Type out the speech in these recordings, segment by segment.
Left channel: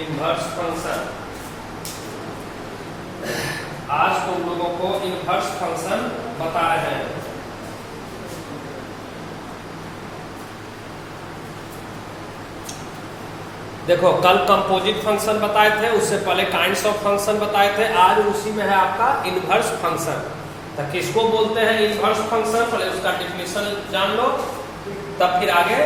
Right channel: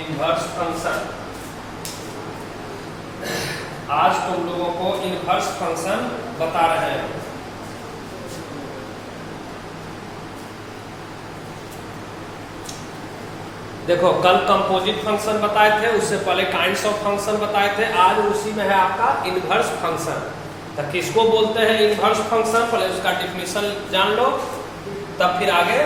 Inverse function. आज तुम लोगों को इनवर्स फंक्शन बता रहे हैं। देखो, कल कंपोजिट फंक्शन बताए थे, उससे पहले काइंड्स ऑफ फंक्शन बताए थे, आज उसी में है आपका इनवर्स फंक्शन। तो किसको बोलते हैं इनवर्स फंक्शन, पहले उसका डिफिनेशन जान लो, तब फिर आगे।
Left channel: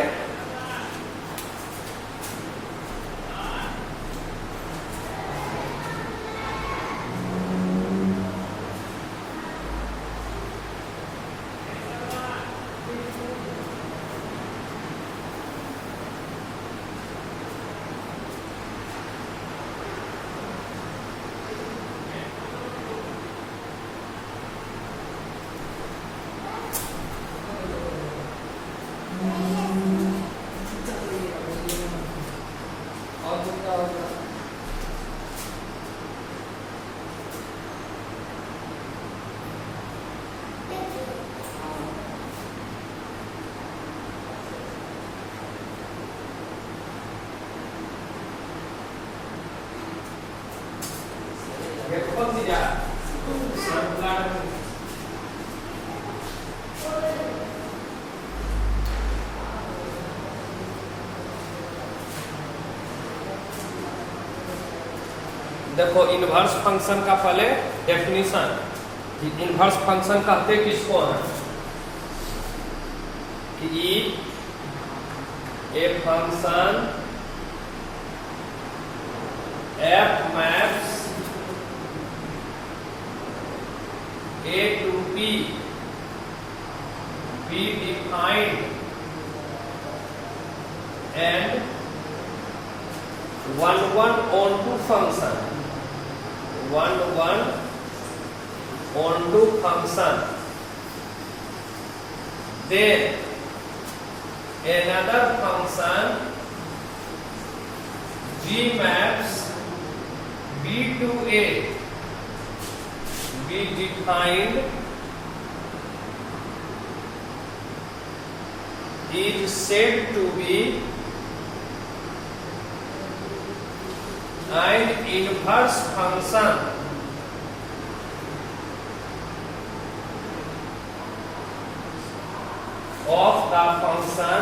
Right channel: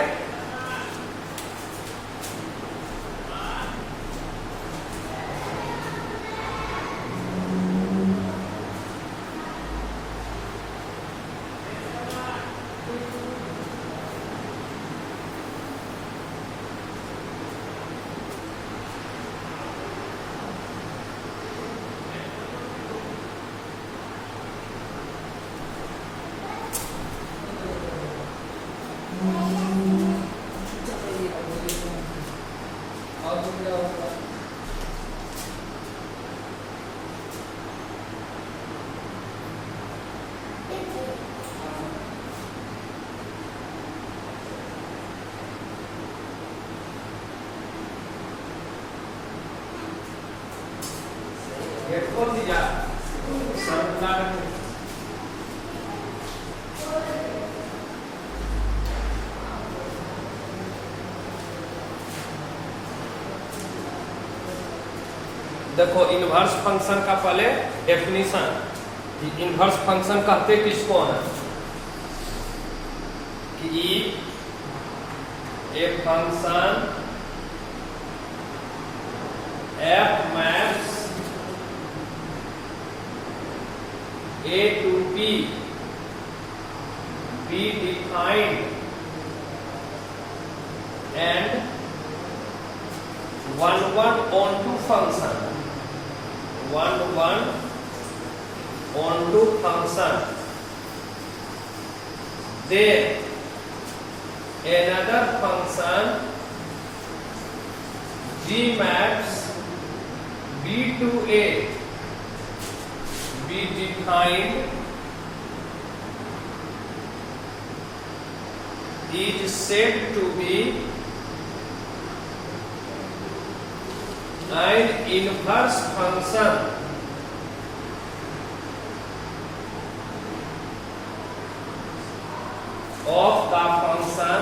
देखो, इनवर्स फंक्शन का पहले डेफिनेशन। इनवर्स फंक्शन कहते किसको हैं कि a function F maps A to B be defined and one onto function then another function G maps B to A be defined is said to be an inverse function of the function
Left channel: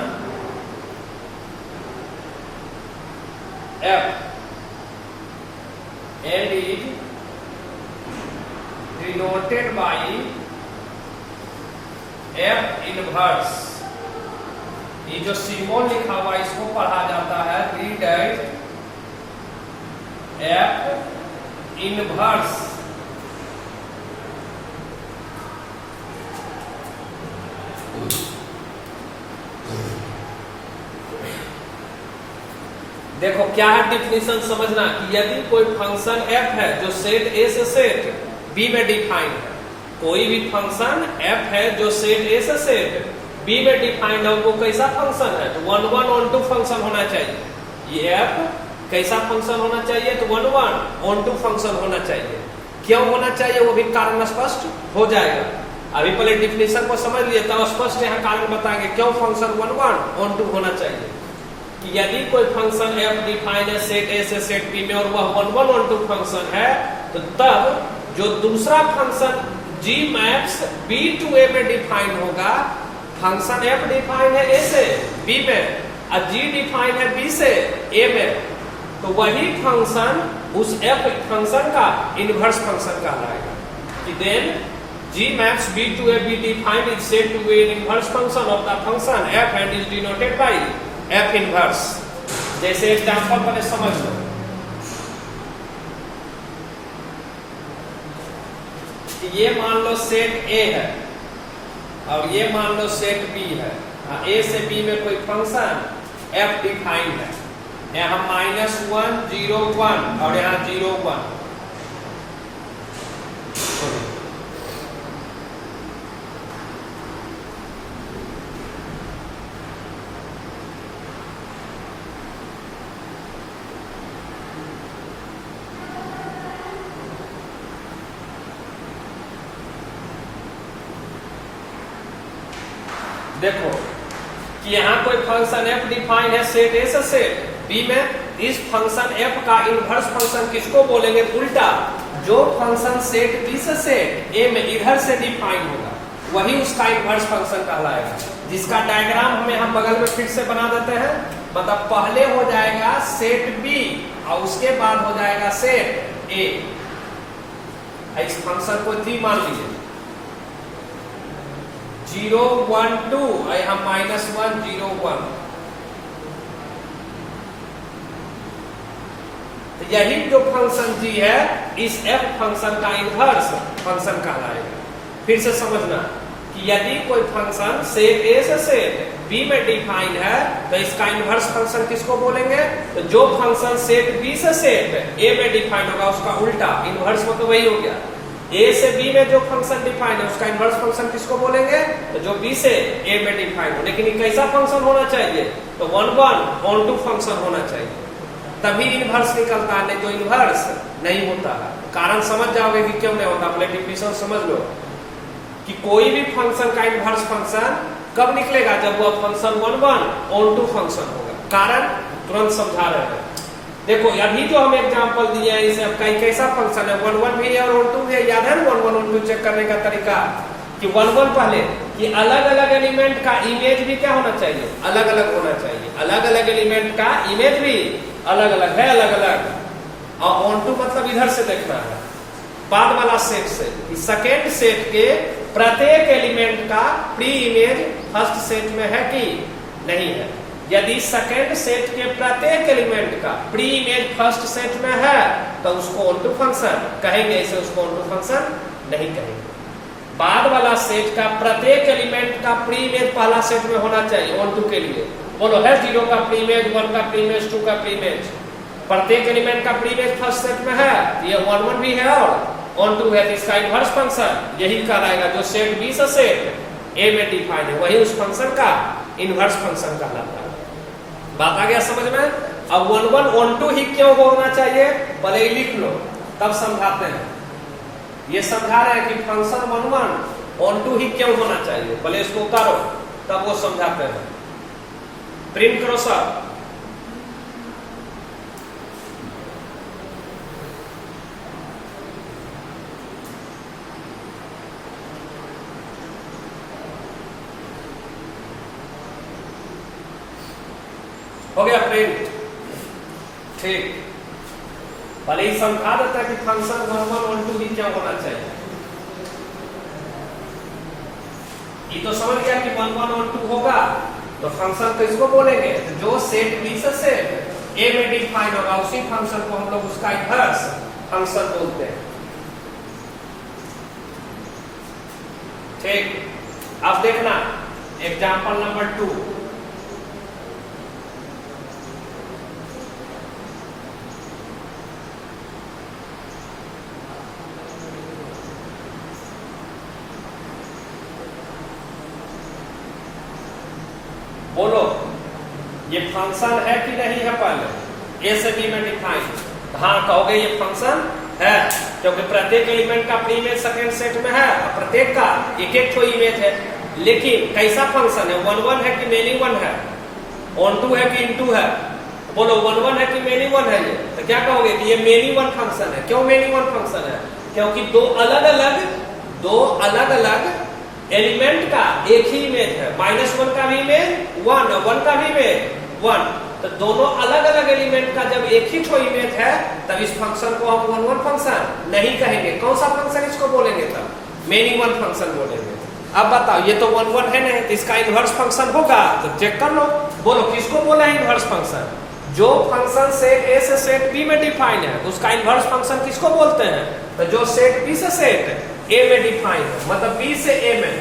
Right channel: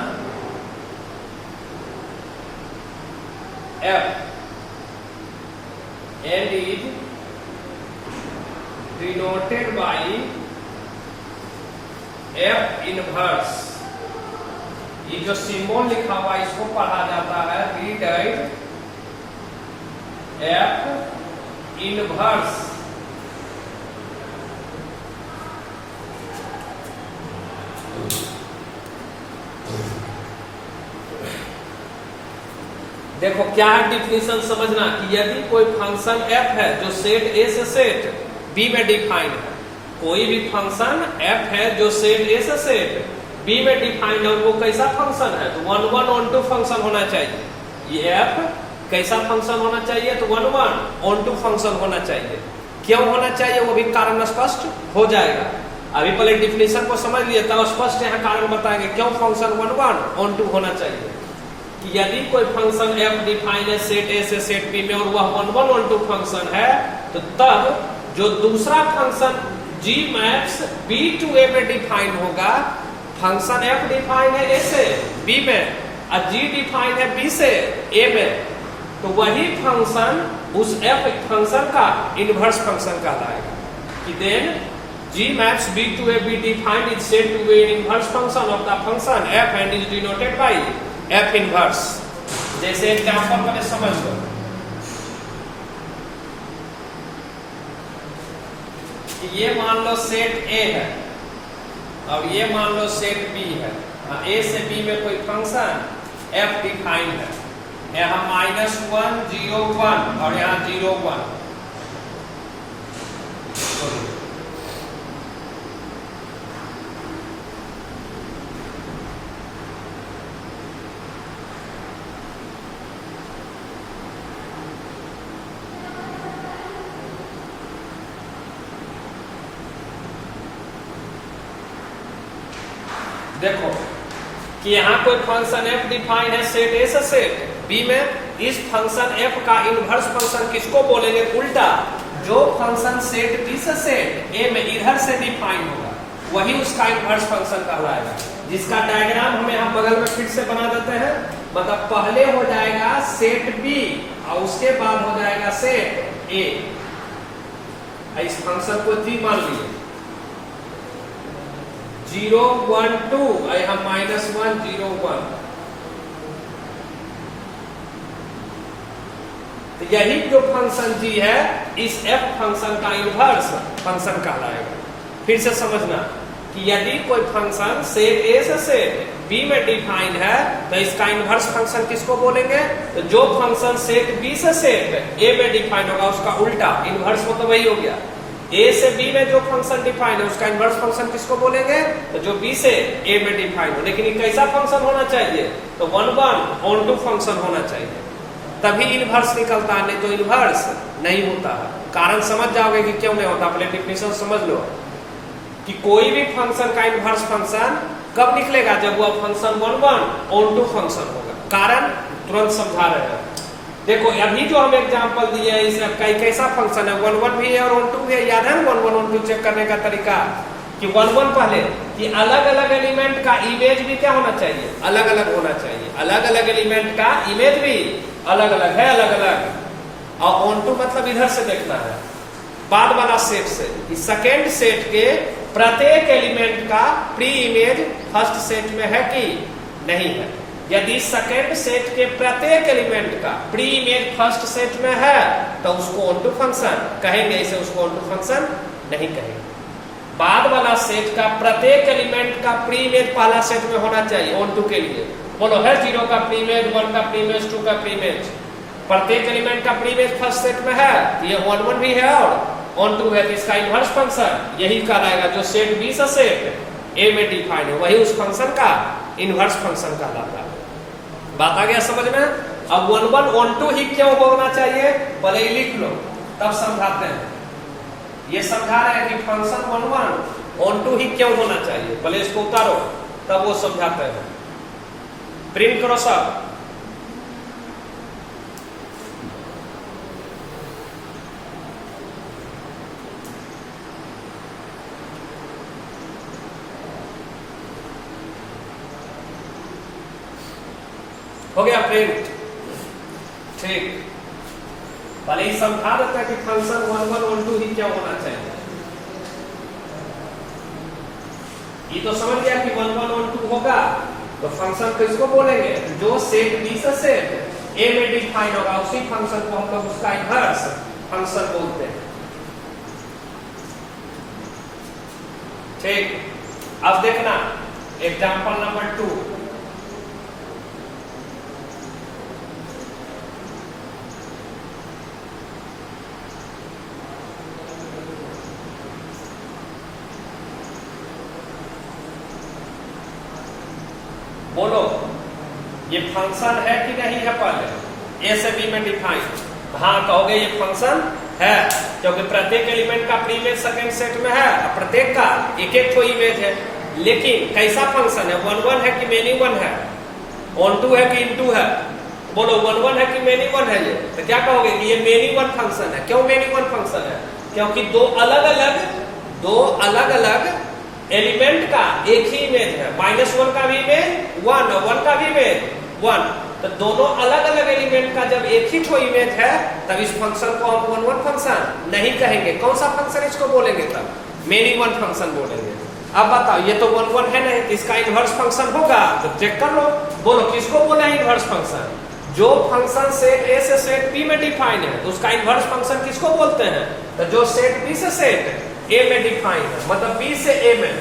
f and is denoted by f inverse। ये जो symbol लिखा हुआ इसको पढ़ा जाता है read F inverse. देखो क्या है डिफिनेशन समझना कि यदि कोई फंक्शन f है जो सेट A से सेट B में डिफाइंड है, कोई भी फंक्शन f है जो सेट A से सेट B में डिफाइंड है, वो कैसा फंक्शन है तो 1 on 2 फंक्शन होना चाहिए। ये f कैसा फंक्शन होना चाहिए तो 1 on 2 फंक्शन होना चाहिए। क्यों होना चाहिए वो भी कारण स्पष्ट हो जाएगा। अभी पहले डिफिनेशन को समझ लिए तब स्पष्ट यहाँ कारण बताएंगे क्यों फंक्शन 1 on 2 होना चाहिए। कि यदि कोई फंक्शन f डिफाइंड है सेट A से सेट B में और वह 1 on 2 फंक्शन है, तो तब जो दूसरा function G maps B to A में डिफाइंड होगा, फंक्शन f डिफाइंड है A से B में और G डिफाइंड है B से A में, तो वही फंक्शन उस f फंक्शन का इनवर्स फंक्शन कहलाएगा। कि then G maps B to A be defined is said to be an inverse function of the function f and is denoted by f inverse। जैसे example पहले समझ लो कि ये मान लो सेट A है और ये मान लो सेट B है। A से B में कोई फंक्शन f डिफाइंड है, यहाँ -1 0 1 और यहाँ 0 1। देखो कि यहाँ कोई फंक्शन f डिफाइन है सेट A से सेट B में, इस फंक्शन f का इनवर्स फंक्शन किसको बोलेंगे? उल्टा, जो फंक्शन सेट बी से सेट ए में इधर से डिफाइन होगा वही उसका इनवर्स फंक्शन कहलाएगा, जिसका डायग्राम हम यहाँ बगल में फिर से बना देते हैं। मतलब पहले हो जाएगा सेट बी और उसके बाद हो जाएगा सेट ए। इस फंक्शन को 3 मान लीजिए, 0 1 2, हम -1 0 1। तो यही जो फंक्शन जी है इस f फंक्शन का इनवर्स फंक्शन कहलाएगा। फिर से समझना कि यदि कोई फंक्शन सेट ए से सेट बी में डिफाइन है तो इसका इनवर्स फंक्शन किसको बोलेंगे? तो जो फंक्शन सेट बी से सेट ए में डिफाइन होगा उसका उल्टा इनवर्स हो, तो वही हो गया। ए से बी में जो फंक्शन डिफाइन है उसका इनवर्स फंक्शन किसको बोलेंगे? तो जो बी से ए में डिफाइन हो। लेकिन ये कैसा फंक्शन होना चाहिए? तो 1 1 ऑन टू फंक्शन होना चाहिए, तभी इनवर्स निकलता है, नहीं तो इनवर्स नहीं होता है। कारण समझ जाओगे कि क्यों नहीं होता, पहले डेफिनेशन समझ लो कि कोई भी फंक्शन का इनवर्स फंक्शन कब निकलेगा? जब वह फंक्शन 1 1 ऑन टू फंक्शन होगा। कारण तुरंत समझा रहे हैं। देखो अभी जो हम एग्जांपल दिए हैं इसका कैसा फंक्शन है? 1 1 भी है और 1 2 भी है। याद है 1 1 1 2 चेक करने का तरीका कि 1 1 पहले कि अलग अलग एलिमेंट का इमेज भी क्या होना चाहिए? अलग अलग होना चाहिए। अलग अलग एलिमेंट का इमेज भी अलग अलग है, अलग अलग। और ऑन टू मतलब इधर से देखना है, बाद वाला सेट से। सेकेंड सेट के प्रत्येक एलिमेंट का प्री इमेज फर्स्ट सेट में है कि नहीं है। यदि सेकेंड सेट के प्रत्येक एलिमेंट का प्री इमेज फर्स्ट सेट में है तो उसको ऑन टू फंक्शन कहेंगे, इसे उसको ऑन टू फंक्शन नहीं कहेंगे। बाद वाला सेट का प्रत्येक एलिमेंट का प्री इमेज पहला सेट में होना चाहिए ऑन टू के लिए। बोलो है 0 का प्री इमेज, 1 का प्री इमेज, 2 का प्री इमेज। प्रत्येक एलिमेंट का प्री इमेज फर्स्ट सेट में है, ये 1 1 भी है और ऑन टू है, तो इसका इनवर्स फंक्शन यही कहलाएगा। जो सेट बी से सेट ए में डिफाइंड है वही उस फंक्शन का इनवर्स फंक्शन कहलाता है। बात आ गया समझ में? अब 1 1 ऑन टू ही क्यों होना चाहिए पहले ही लिख लो, तब समझाते हैं। ये समझा रहे हैं कि फंक्शन 1 1 ऑन टू ही क्यों होना चाहिए, पहले इसको उतारो तब वो समझाते हैं। प्रिंट करो सर। हो गया प्रिंट? ठीक, पहले ही समझा देता है कि फंक्शन 1 1 1 2 ही क्या होना चाहिए। ये तो समझ गया कि 1 1 1 2 होगा तो फंक्शन किसको बोलेंगे? जो सेट बी से सेट ए में डिफाइन होगा उसी फंक्शन को हम लोग उसका इनवर्स फंक्शन बोलते हैं। ठीक, अब देखना एग्जांपल नंबर 2। बोलो ये फंक्शन है कि नहीं है? पहले ए से बी में डिफाइन, हाँ कहोगे ये फंक्शन है क्योंकि प्रत्येक एलिमेंट का प्री इमेज सेकेंड सेट में है, प्रत्येक का एक एक तो इमेज है। लेकिन कैसा फंक्शन है? 1 1 है कि मेनी 1 है? ऑन टू है कि इन टू है? बोलो 1 1 है कि मेनी 1 है? ये तो क्या कहोगे कि ये मेनी 1 फंक्शन है। क्यों मेनी 1 फंक्शन है? क्योंकि दो अलग अलग एलिमेंट का एक ही इमेज है। -1 का भी इमेज 1 और 1 का भी इमेज 1, तो दोनों अलग अलग एलिमेंट का जब एक ही तो इमेज है तब इस फंक्शन को हम 1 1 फंक्शन नहीं कहेंगे। कौन सा फंक्शन इसको बोलेंगे? तब मेनी 1 फंक्शन बोलेंगे। अब बताओ ये तो 1 1 है नहीं, इसका इनवर्स फंक्शन होगा तो चेक कर लो। बोलो किसको बोला है इनवर्स फंक्शन? जो फंक्शन सेट ए से सेट बी में डिफाइन है उसका इनवर्स फंक्शन किसको बोलते हैं? तो जो सेट बी से सेट ए में डिफाइन है, मतलब बी से ए में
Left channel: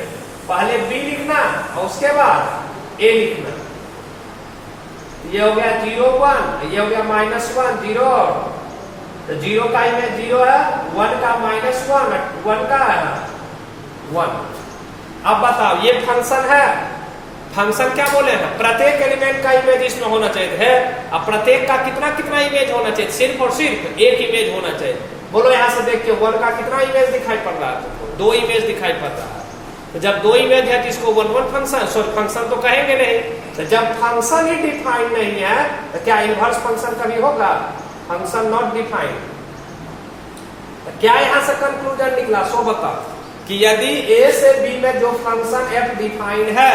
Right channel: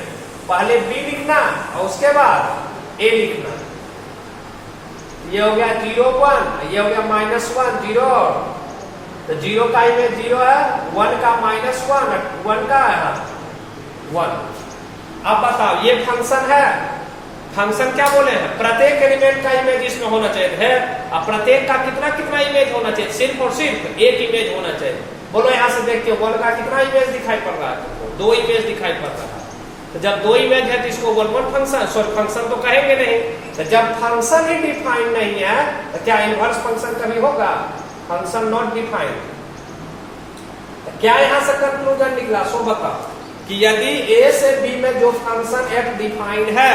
पहले बी लिखना और उसके बाद ए लिखना। ये हो गया 0 1, ये हो गया -1 0, तो 0 का इमेज 0 है, 1 का -1, 1 का है 1। अब बताओ ये फंक्शन है। फंक्शन क्या बोले हैं? प्रत्येक एलिमेंट का इमेज इसमें होना चाहिए। अब प्रत्येक का कितना कितना इमेज होना चाहिए? सिर्फ और सिर्फ एक इमेज होना चाहिए। बोलो यहां से देख के 1 का कितना इमेज दिखाई पड़ रहा है? 2 इमेज दिखाई पड़ रहा है। तो जब दो इमेज है तो इसको one one function, sorry function तो कहेंगे नहीं। तो जब फंक्शन ही डिफाइन नहीं है तो क्या इनवर्स फंक्शन कभी होगा? Function not defined. तो क्या यहां से कंक्लूजन निकला? सो बताओ कि यदि ए से बी में जो फंक्शन एफ डिफाइंड है,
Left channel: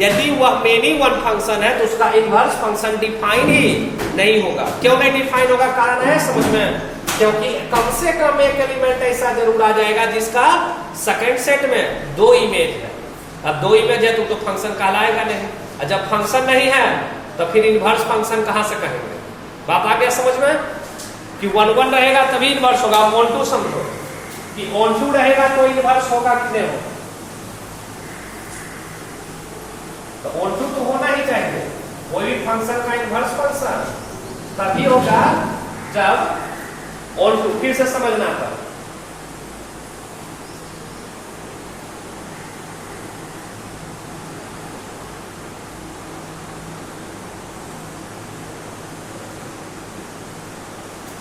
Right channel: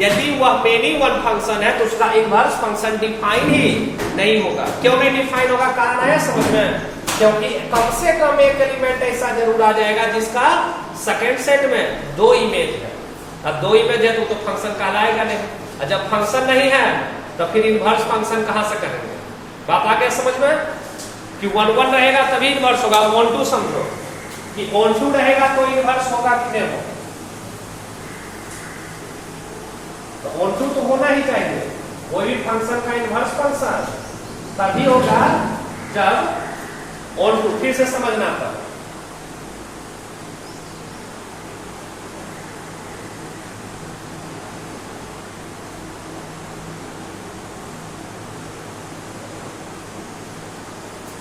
यदि वह मेनी वन फंक्शन है तो उसका इनवर्स फंक्शन डिफाइन ही नहीं होगा। क्यों नहीं डिफाइन होगा? कारण है समझ में, क्योंकि कम से कम एक एलिमेंट ऐसा जरूर आ जाएगा जिसका सेकेंड सेट में दो इमेज है। अब दो इमेज है तो फंक्शन कहलाएगा नहीं, और जब फंक्शन नहीं है तो फिर इनवर्स फंक्शन कहां से कहेंगे? बात आ गया समझ में कि वन वन रहेगा तभी इनवर्स होगा। ऑन टू समझो कि ऑन टू रहेगा तो इनवर्स होगा कि नहीं होगा? तो ऑन टू तो होना ही चाहिए, कोई भी फंक्शन का इनवर्स फंक्शन तभी होगा जब ऑन टू। फिर से समझना था,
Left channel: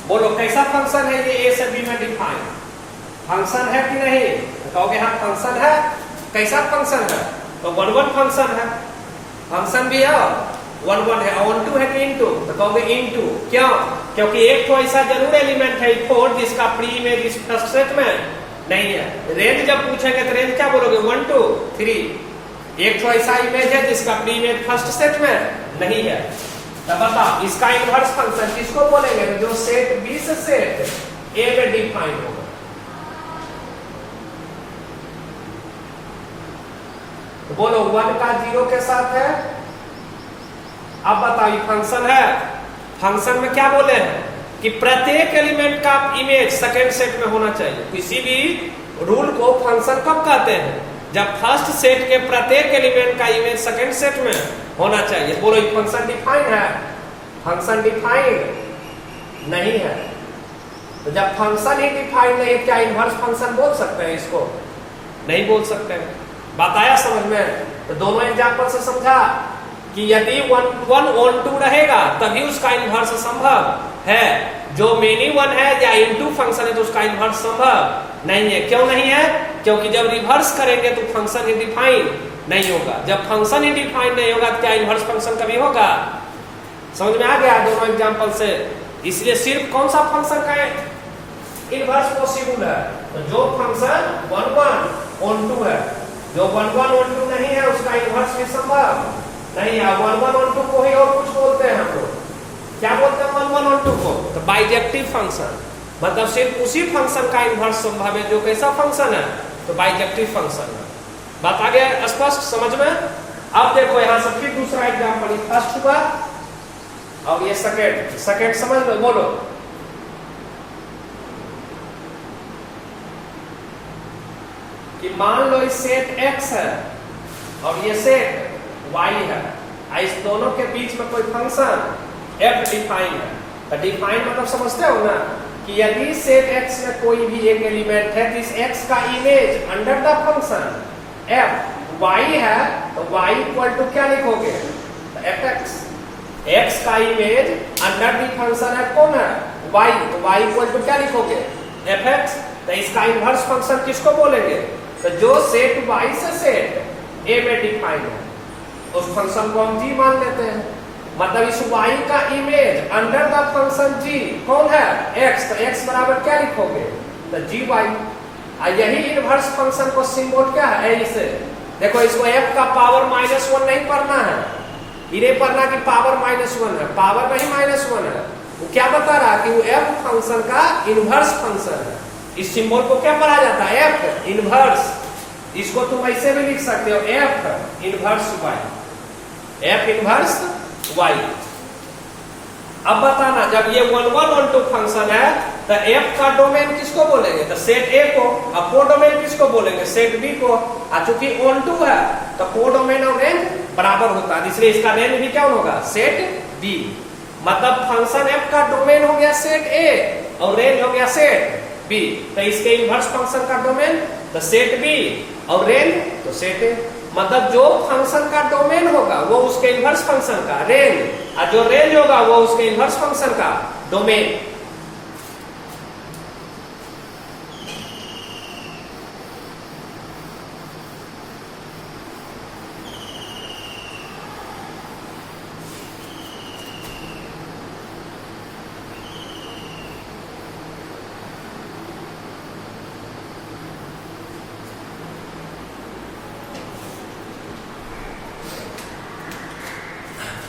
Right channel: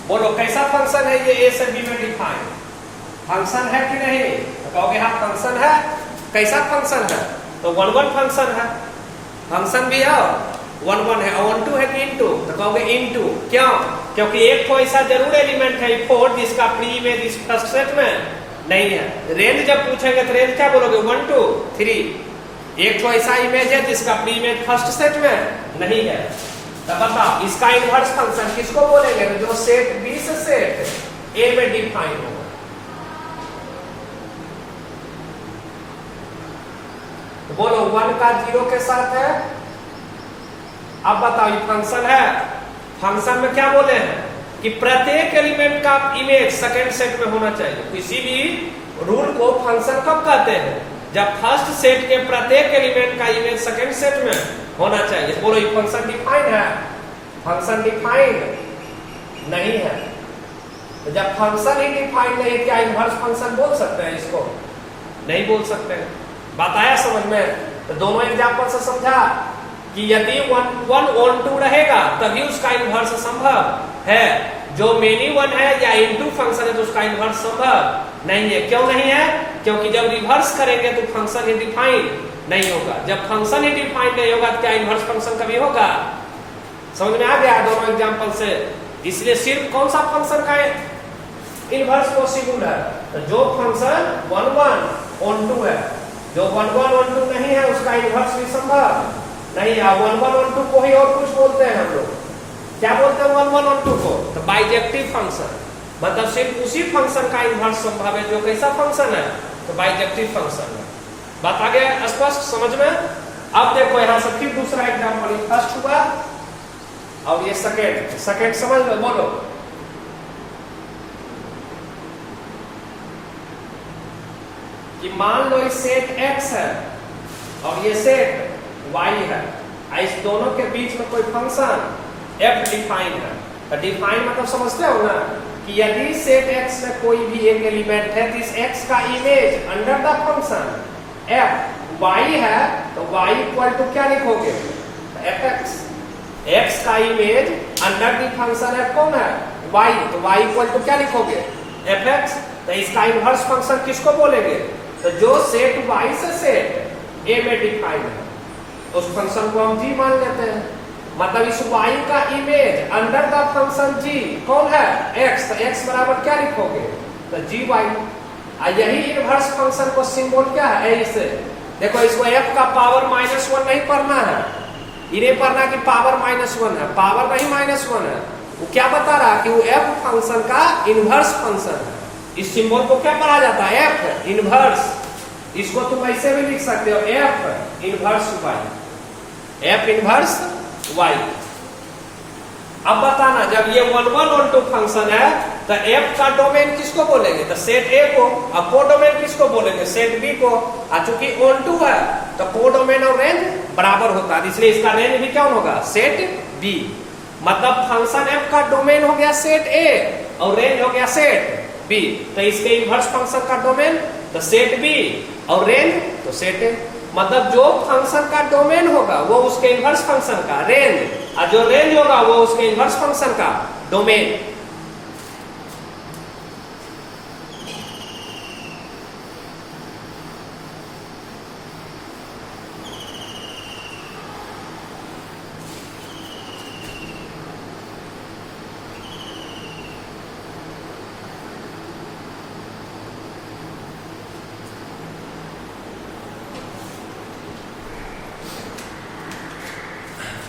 बोलो कैसा फंक्शन है ये ए से बी में डिफाइन? फंक्शन है कि नहीं? तो कहोगे हाँ फंक्शन है। कैसा फंक्शन है? तो वन वन फंक्शन है, फंक्शन भी है वन वन है। ऑन टू है कि इन टू? तो कहोगे इन टू। क्यों? क्योंकि एक तो ऐसा जरूर एलिमेंट है फोर जिसका प्री इमेज इस फर्स्ट सेट में नहीं है। रेंज जब पूछेंगे तो रेंज क्या बोलोगे? 1 2 3। एक तो ऐसा इमेज है जिसका प्री इमेज फर्स्ट सेट में नहीं है। तो बताओ इसका इनवर्स फंक्शन किसको बोलेंगे? जो सेट बी से सेट ए में डिफाइन होगा। तो बोलो 1 का 0 के साथ है। अब बताओ ये फंक्शन है, फंक्शन में क्या बोले हैं कि प्रत्येक एलिमेंट का इमेज सेकेंड सेट में होना चाहिए। तो इसीलिए रूल को फंक्शन कब कहते हैं? जब फर्स्ट सेट के प्रत्येक एलिमेंट का इमेज सेकेंड सेट में होना चाहिए। बोलो ये फंक्शन डिफाइंड है? फंक्शन डिफाइंड नहीं है। तो जब फंक्शन ही डिफाइंड नहीं है, क्या इनवर्स फंक्शन बोल सकते हैं इसको? नहीं बोल सकते हैं। बात आया समझ में? तो दोनों एग्जाम्पल से समझा कि यदि वन ऑन टू रहेगा तभी उसका इनवर्स संभव है। जो मेनी वन है या इनटू फंक्शन है तो उसका इनवर्स संभव नहीं है। क्यों नहीं है? क्योंकि जब रिवर्स करेंगे तो फंक्शन ही डिफाइन नहीं होगा। जब फंक्शन ही डिफाइन नहीं होगा तो क्या इनवर्स फंक्शन कभी होगा? समझ में आ गया दोनों एग्जाम्पल से? इसलिए सिर्फ कौन सा फंक्शन का इनवर्स पॉसिबल है? तो जो फंक्शन 1 1 ऑन टू है। जो 1 1 ऑन टू नहीं है उसका इनवर्स भी संभव नहीं है। 1 1 ऑन टू को ही और कुछ बोलते हैं हम लोग। क्या बोलते हैं 1 1 ऑन टू को? तो बाइजेक्टिव फंक्शन, मतलब सिर्फ उसी फंक्शन का इनवर्स संभव है जो कैसा फंक्शन है? तो बाइजेक्टिव फंक्शन है। बात आ गया स्पष्ट समझ में? अब देखो यहां से फिर दूसरा एग्जाम्पल, फर्स्ट हुआ और ये सेकेंड। सेकेंड समझ में? बोलो कि मान लो ये सेट x है और ये सेट y है। इस दोनों के बीच में कोई फंक्शन f डिफाइन है। और डिफाइन मतलब समझते हो ना कि यदि सेट x में कोई भी एक एलिमेंट है तो इस x का image under the function f y है तो y इक्वल टू क्या लिखोगे? fx। x का image under the function f कौन है? y। तो y इक्वल टू क्या लिखोगे? fx। तो इसका इनवर्स फंक्शन किसको बोलेंगे? तो जो सेट y से सेट a में डिफाइन है उस फंक्शन को हम g मान लेते हैं। मतलब इस y का image under the function g कौन है? x। तो x बराबर क्या लिखोगे? तो gy। यही इनवर्स फंक्शन को सिंबल क्या है? a से। देखो इसको f का पावर -1 नहीं पढ़ना है, ये नहीं पढ़ना कि पावर -1 है, पावर नहीं -1 है। वो क्या बता रहा है कि वो f फंक्शन का इनवर्स फंक्शन है। इस सिंबल को क्या पढ़ा जाता है? f inverse. इसको तुम ऐसे भी लिख सकते हो f inverse y। f inverse y। अब बताना जब ये 1 1 ऑन टू फंक्शन है तो f का डोमेन किसको बोलेंगे? तो सेट a को। अब को डोमेन किसको बोलेंगे? सेट b को। चूंकि ऑन टू है तो को डोमेन और रेंज बराबर होता है, इसलिए इसका रेंज भी क्या होगा? Set b। मतलब फंक्शन f का डोमेन हो गया सेट a और रेंज हो गया सेट b। तो इसके इनवर्स फंक्शन का डोमेन तो सेट b और रेंज तो सेट a। मतलब जो फंक्शन का डोमेन होगा वो उसके इनवर्स फंक्शन का रेंज, और जो रेंज होगा वो उसके इनवर्स फंक्शन का डोमेन।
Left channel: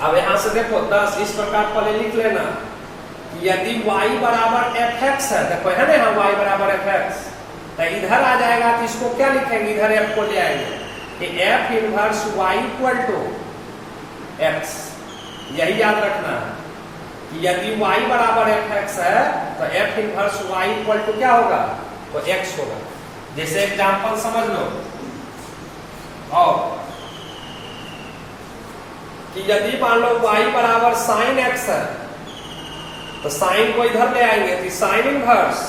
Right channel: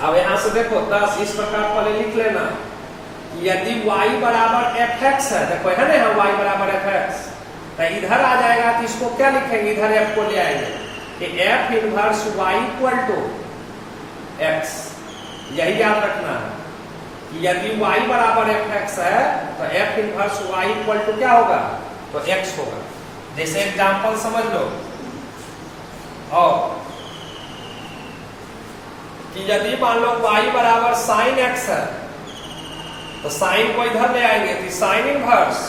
अब यहां से देखो 10 इस प्रकार पहले लिख लेना कि यदि y बराबर fx है, देखो है ना यहाँ y बराबर fx, तो इधर आ जाएगा तो इसको क्या लिखेंगे, इधर f को ले आएंगे कि f inverse y equal to x। यही याद रखना है कि यदि y बराबर fx है तो f inverse y equal to क्या होगा, तो x होगा। जैसे एग्जांपल समझ लो, और कि यदि मान लो y बराबर साइन x है तो साइन को इधर ले आएंगे कि sine inverse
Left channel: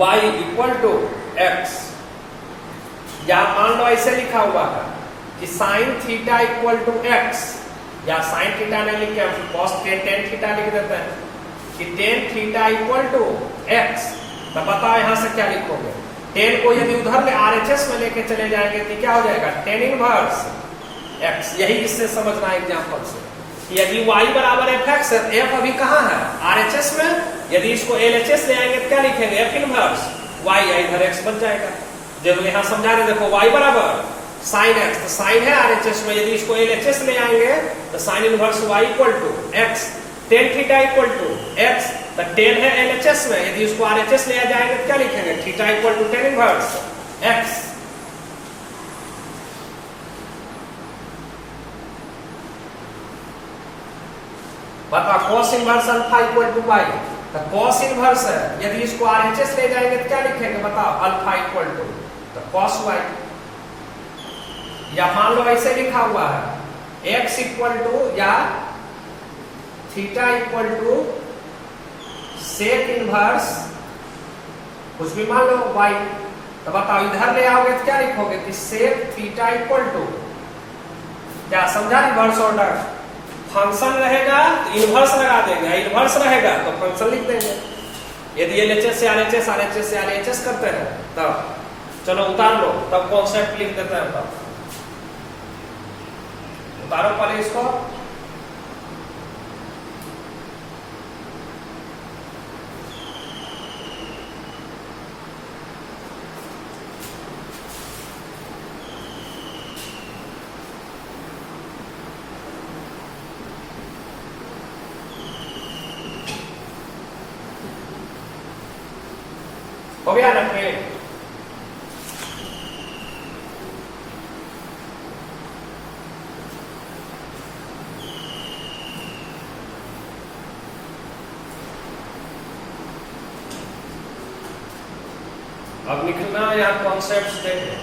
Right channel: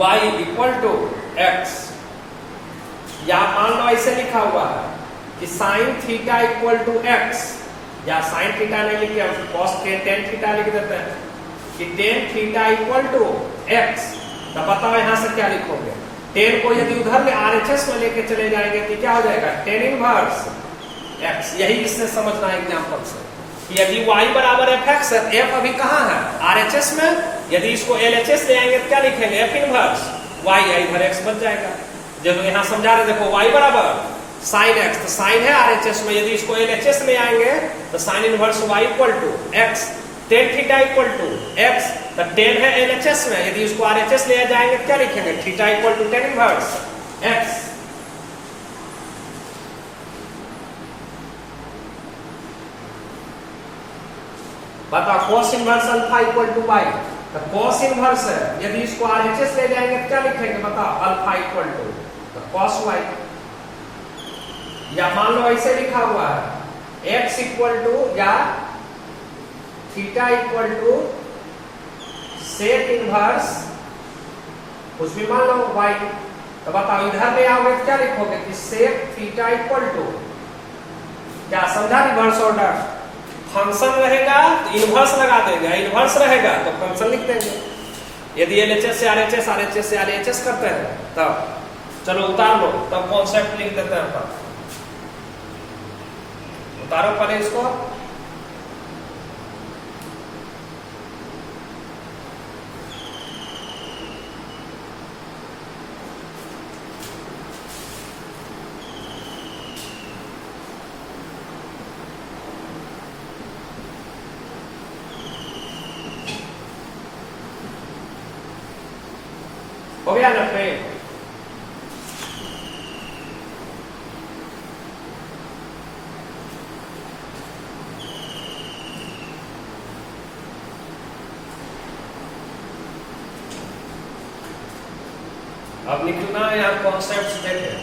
y equal to x, या मान लो ऐसे लिखा हुआ है कि sine theta equal to x, या साइन थीटा नहीं लिख के कॉस टेन थीटा लिख देते हैं कि tan theta equal to x। तो बताओ यहां से क्या लिखोगे, टेन को यदि उधर ले RHS में लेके चले जाएंगे तो क्या हो जाएगा, टेन इनवर्स x। यही इससे समझना है एग्जांपल से कि यदि y बराबर fx है, f अभी कहाँ है, RHS में, यदि इसको LHS ले आएंगे तो क्या लिखेंगे, f इनवर्स y, इधर x बच जाएगा। जब यहाँ समझा रहे देखो y बराबर साइन x, तो साइन है RHS में, यदि इसको LHS ले आएंगे तो sine inverse y equal to x, tan theta equal to x, तो टेन है LHS में, यदि उसको RHS ले जाएंगे तो क्या लिखेंगे, theta equal to tan inverse x। बताओ cos inverse alpha equal to y, तो cos इनवर्स है, यदि इसको RHS ले जाएंगे तो क्या लिखेंगे, बताओ अल्फा इक्वल टू तो cos y। या मान लो ऐसे लिखा हुआ है x इक्वल टू या theta equal to sec inverse कुछ भी मान लो y, तो बताओ इधर ले आओगे तो क्या लिखोगे कि सेक थीटा इक्वल टू, क्या समझा, रिवर्स ऑर्डर। फंक्शन रहेगा तो इनवर्स लगा देंगे, इनवर्स रहेगा तो फंक्शन लिख देंगे। यदि LHS से RHS, RHS से LHS करते हैं तब चलो उतार लो, तब कॉन्सेप्ट लिख देते हैं। तब उतारो पहले इसको, हो गया ना फ्रेंड। अब लिखना यहाँ कॉन्सेप्ट्स देखें,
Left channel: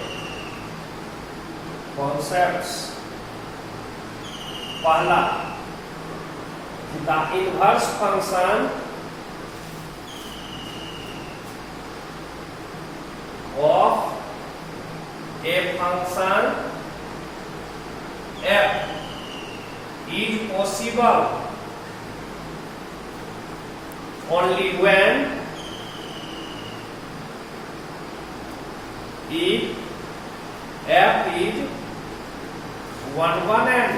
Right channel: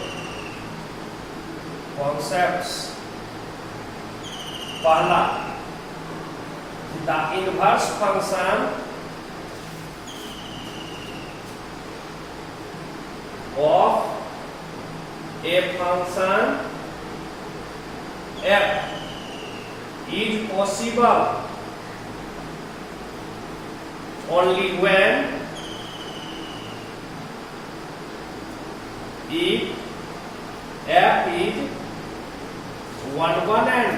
कॉन्सेप्ट्स। पहला, the inverse function of a function f is possible only when if f is one and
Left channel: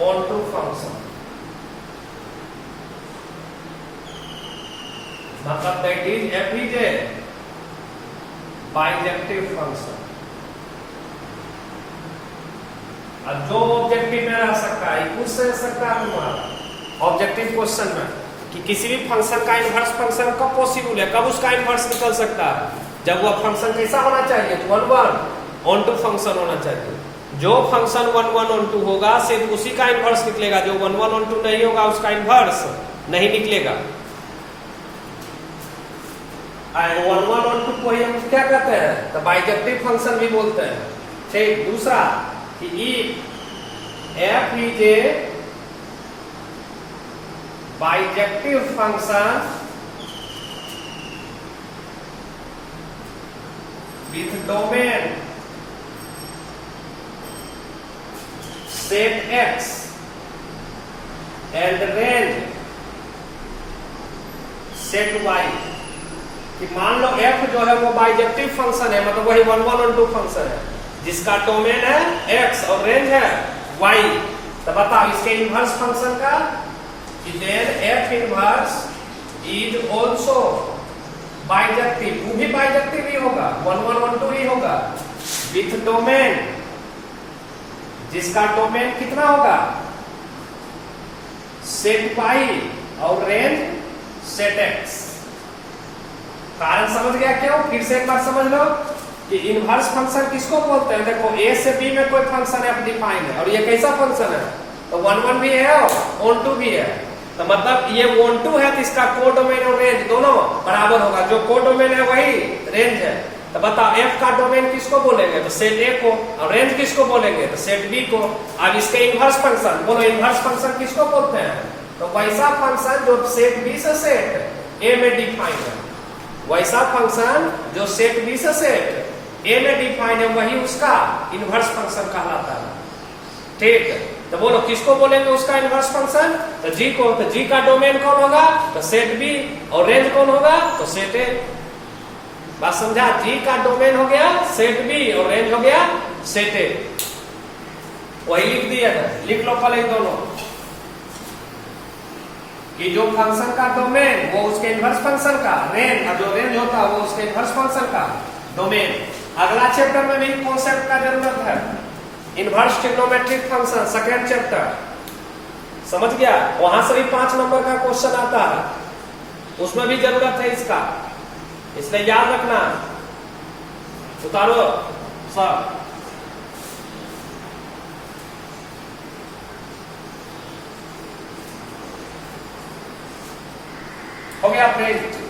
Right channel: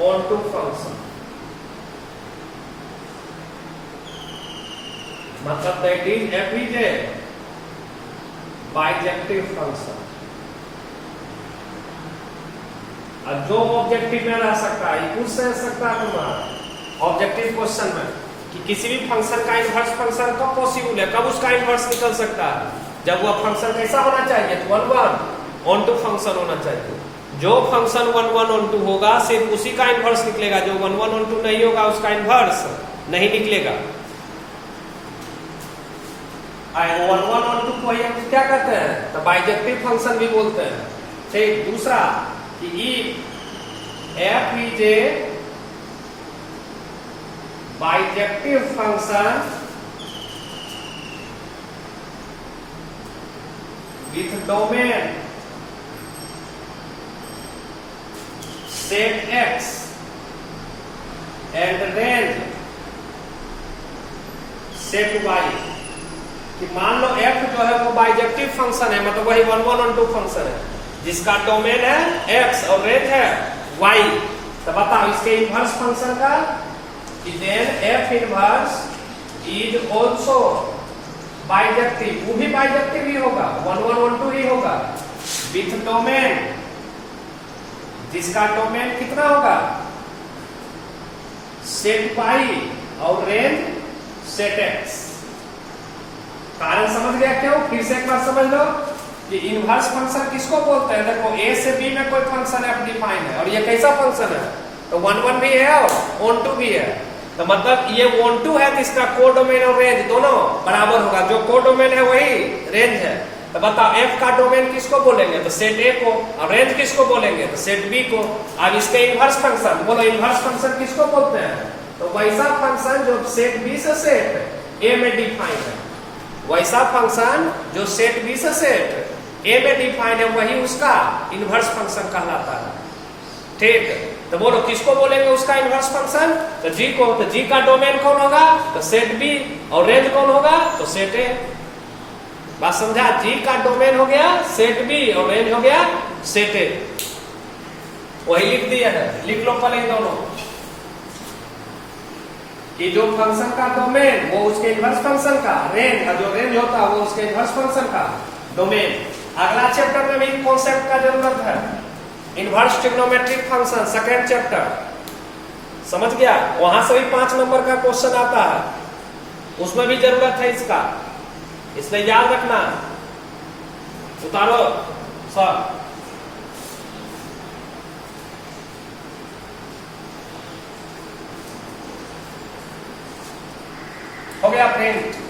onto function, मतलब that is f is a bijective function. जो ऑब्जेक्टिव में रह सकता है पूछ सकता है तुम्हारा ऑब्जेक्टिव क्वेश्चन में कि किसी भी फंक्शन का इनवर्स फंक्शन कब पॉसिबल है, कब उसका इनवर्स निकल सकता है, जब वो फंक्शन कैसा होना चाहिए, तो 1 1 ऑन टू फंक्शन होना चाहिए। जो फंक्शन 1 1 ऑन टू होगा सिर्फ उसी का इनवर्स निकलेगा, जो 1 1 ऑन टू नहीं होगा उसका इनवर्स नहीं निकलेगा। 1 1 ऑन टू को हम क्या कहते हैं, तो बाइजेक्टिव फंक्शन भी बोलते हैं। ठीक, दूसरा कि if f is a bijective function with domain set x and range set y, कि मान लो f जो है वो बाइजेक्टिव फंक्शन है, मतलब वही 1 1 ऑन टू फंक्शन है जिसका डोमेन है x और रेंज है y। तो बताओ इसके इनवर्स फंक्शन का कि then f inverse is also bijective, वो भी बाइजेक्टिव ही होगा, 1 1 1 2 ही होगा विथ डोमेन जिसका डोमेन कितना होगा, सेट वाई और रेंज सेट एक्स। कारण समझ गया क्यों? फिर से एक बार समझ लो कि इनवर्स फंक्शन किसको बोलते हैं। देखो ए से बी में कोई फंक्शन एफ डिफाइन है और ये कैसा फंक्शन है, तो 1 भी है और ऑन 2 भी है, तो मतलब ये 1 2 है तो इसका कोडोमेन और रेंज दोनों बराबर होगा। जो कोडोमेन है वही रेंज है। तो बताओ एफ का डोमेन किसको बोलेंगे, तो सेट ए को, और रेंज किसको बोलेंगे, तो सेट बी को। अब इसके इनवर्स फंक्शन बोलो, इनवर्स फंक्शन किसको बोलते हैं, तो वैसा फंक्शन जो सेट बी से सेट ए में डिफाइन है, वैसा फंक्शन जो सेट बी से सेट ए में डिफाइन है वही उसका इनवर्स फंक्शन कहलाता है। ठीक है, तो बोलो किसको बोलेंगे उसका इनवर्स फंक्शन, तो जी को। तो जी का डोमेन कौन होगा, तो सेट बी, और रेंज कौन होगा, तो सेट ए। बात समझा? जी का डोमेन हो गया सेट बी और रेंज हो गया सेट ए। वही लिख दिया है, लिख लो पहले दोनों कि जो फंक्शन का डोमेन वो उसके इनवर्स फंक्शन का रेंज, और जो रेंज होता है वो उसके इनवर्स फंक्शन का डोमेन। अगला चैप्टर में भी कॉन्सेप्ट का जरूरत है, inverse trigonometric function, second chapter, समझ गया? वहां से भी 5 नंबर का क्वेश्चन आता है, उसमें भी जरूरत है इसका, इसलिए याद रखना। उतारो सर, हो गया friend?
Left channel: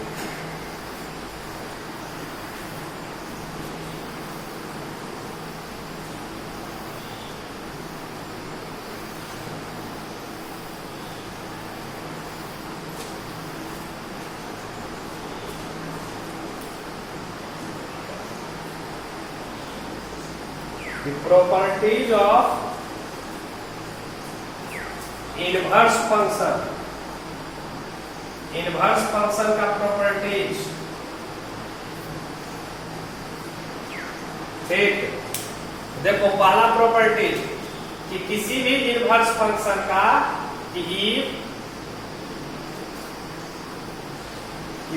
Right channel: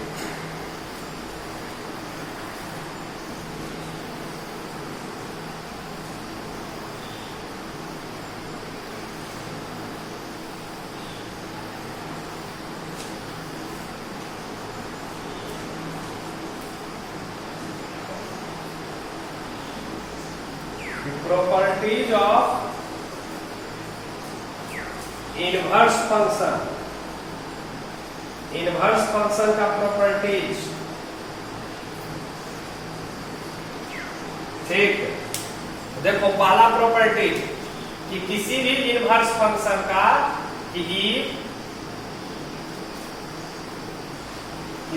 The properties of inverse function, inverse function का प्रॉपर्टीज। ठीक, देखो पहला प्रॉपर्टीज कि किसी भी इनवर्स फंक्शन का कि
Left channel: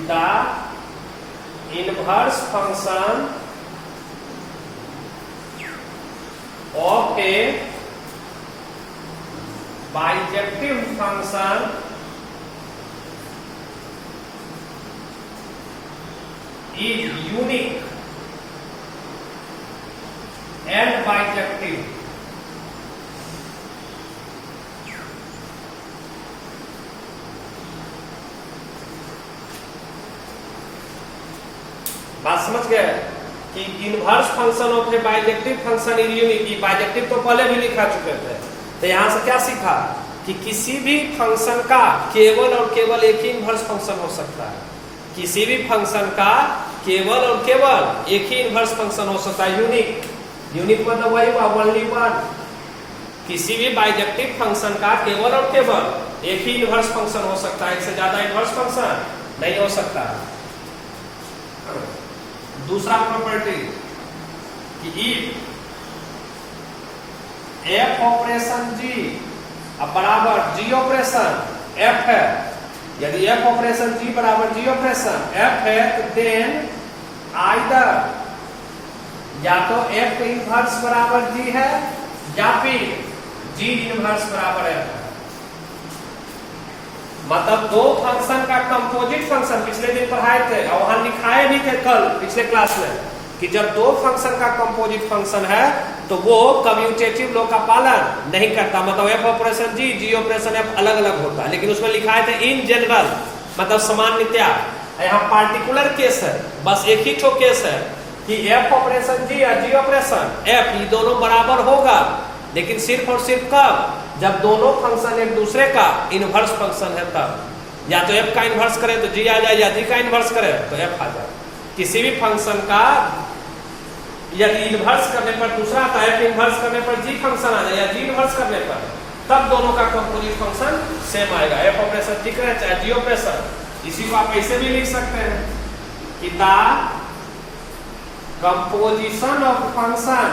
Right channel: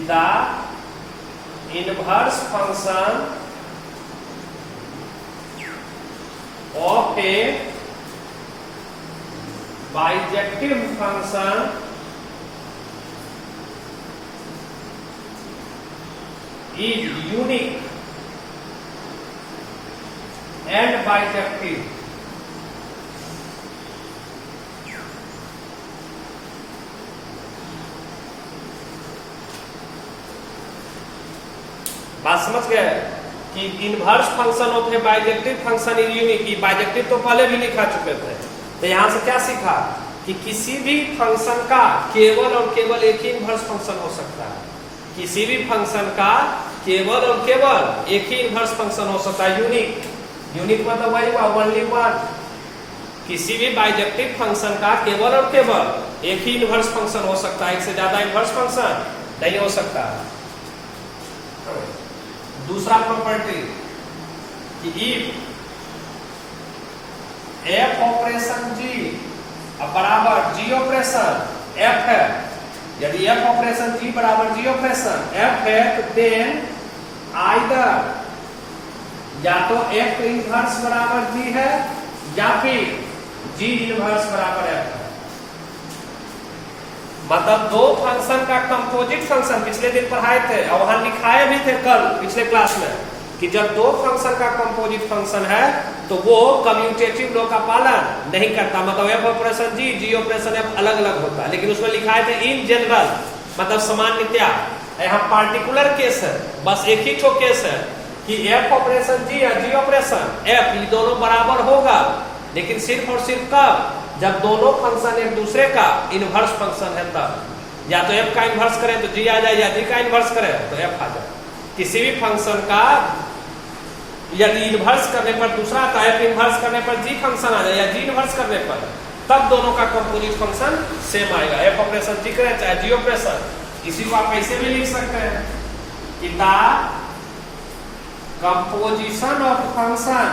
the inverse function of a bijective function is unique and bijective। बात समझ गए कि inverse function of a bijective function is unique. Bijective तो पहले भी लिखा चुके थे, तो यहां से क्या सीखा कि किसी भी फंक्शन का केवल और केवल एक ही इनवर्स फंक्शन हो सकता है। किसी भी फंक्शन का केवल और केवल एक ही इनवर्स फंक्शन हो सकता है। यूनिक, यूनिक मतलब वही हुआ ओनली वन। किसी भी बाइजेक्टिव फंक्शन का केवल और केवल एक ही इनवर्स फंक्शन हो सकता है, एक से ज्यादा इनवर्स फंक्शन नहीं हो सकता। दूसरा प्रॉपर्टी कि एफ ऑपरेशन जी अब बराबर जी ऑपरेशन एफ है, यदि एफ ऑपरेशन जी बराबर जी ऑपरेशन एफ है तो देन आइदर या तो एफ इनवर्स बराबर जी है या फिर जी इनवर्स बराबर एफ है। मतलब दो फंक्शन का कंपोजिट फंक्शन पिछले दिन पढ़ाए थे और वहां लिखाए भी थे कल पिछले क्लास में कि जब दो फंक्शन का कंपोजिट फंक्शन है तो वो कम्यूटेटिव लॉ का पालन नहीं करता। मतलब एफ ऑपरेशन जी, जी ऑपरेशन एफ अलग अलग होता है, लेकिन उसमें लिखाए थे इन जनरल, मतलब सामान्यतया। यहाँ पार्टिकुलर केस है, बस एक ही ठो केस है कि एफ ऑपरेशन जी या जी ऑपरेशन एफ ये दोनों बराबर होगा, लेकिन सिर्फ और सिर्फ कब, जब दोनों फंक्शन एक दूसरे का इनवर्स फंक्शन है तब। या तो एफ का इनवर्स करे तो जी आ जाए, या जी का इनवर्स करे तो एफ आ जाए। किसी भी फंक्शन का यदि इनवर्स करने पर दूसरा का एफ इनवर्स करने पर जी फंक्शन आ जाए, या जी इनवर्स करने पर, तब दोनों का कंपोजिट फंक्शन सेम आएगा। एफ ऑपरेशन जी करे चाहे जी ऑपरेशन। इसी को आप ऐसे भी लिख सकते हैं कि the composition of function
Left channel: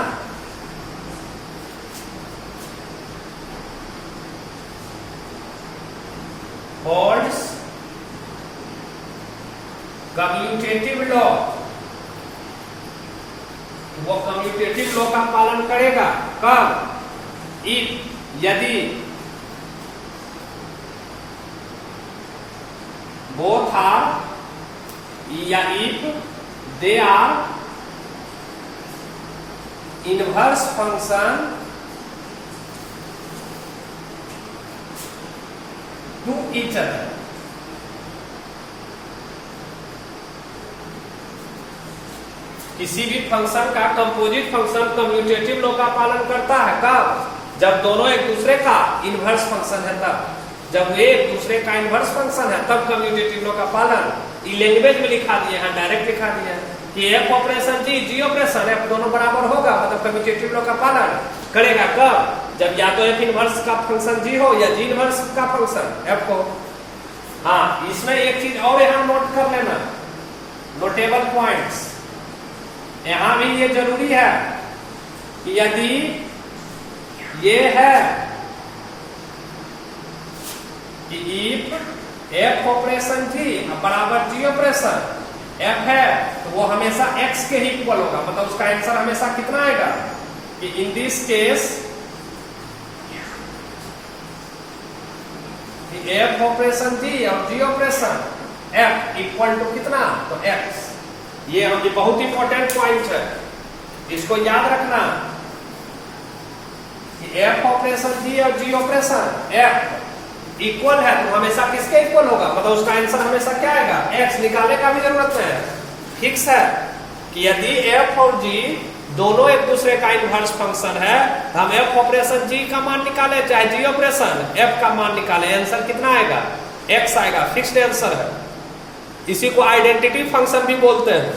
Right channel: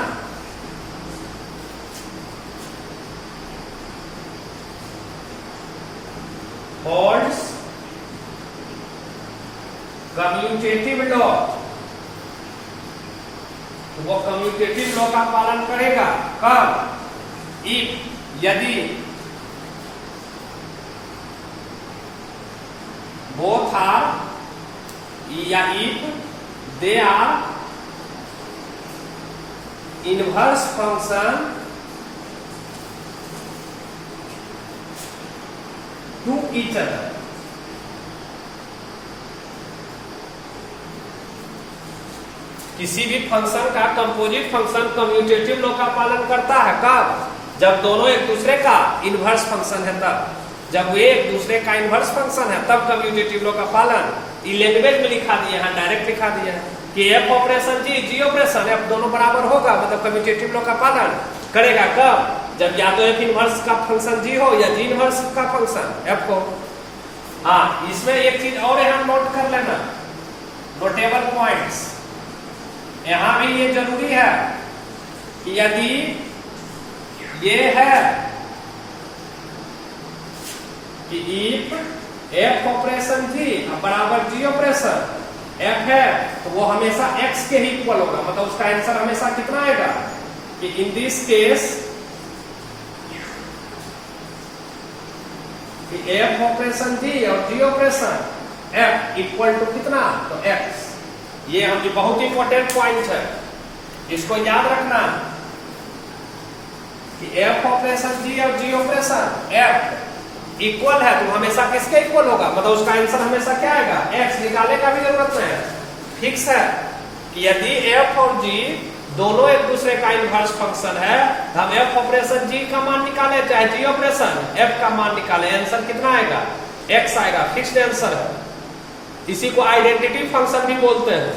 holds commutative law, वो कम्यूटेटिव लॉ का पालन करेगा कब, इफ यदि बोथ आर या if they are inverse function to each other, किसी भी फंक्शन का कंपोजिट फंक्शन कम्यूटेटिव लॉ का पालन करता है कब? जब दोनों एक दूसरे का इनवर्स फंक्शन है तब, जब वे एक दूसरे का इनवर्स फंक्शन है तब कम्यूटेटिव लॉ का पालन। ये लैंग्वेज में लिखा दिया है, डायरेक्ट लिखा दिया है कि एफ ऑपरेशन जी ऑपरेशन एफ दोनों बराबर होगा, मतलब कम्यूटेटिव लॉ का पालन करेगा कब? जब या तो एफ इनवर्स का फंक्शन जी हो या जी इनवर्स का फंक्शन एफ हो। हाँ, इसमें एक चीज और यहाँ नोट कर लेना, नोटेबल पॉइंट्स। यहां भी ये जरूरी है कि यदि ये है कि इफ एफ ऑपरेशन जी बराबर जी ऑपरेशन एफ है तो वो हमेशा एक्स के ही इक्वल होगा, मतलब उसका आंसर हमेशा कितना आएगा कि in this case F operation G और G operation F equal to कितना, तो एक्स। ये हम बहुत इंपॉर्टेंट पॉइंट है, इसको याद रखना कि एफ ऑपरेशन जी और जी ऑपरेशन एफ इक्वल है तो हमेशा किसके इक्वल होगा, मतलब उसका आंसर हमेशा क्या आएगा, एक्स। निकालने का भी जरूरत नहीं है, फिक्स है कि यदि एफ और जी दोनों एक दूसरे का इनवर्स फंक्शन है, हम एफ ऑपरेशन जी का मान निकाले चाहे जी ऑपरेशन एफ का मान निकाले, आंसर कितना आएगा, एक्स आएगा, फिक्स्ड आंसर है। इसी को आइडेंटिटी फंक्शन भी बोलते हैं।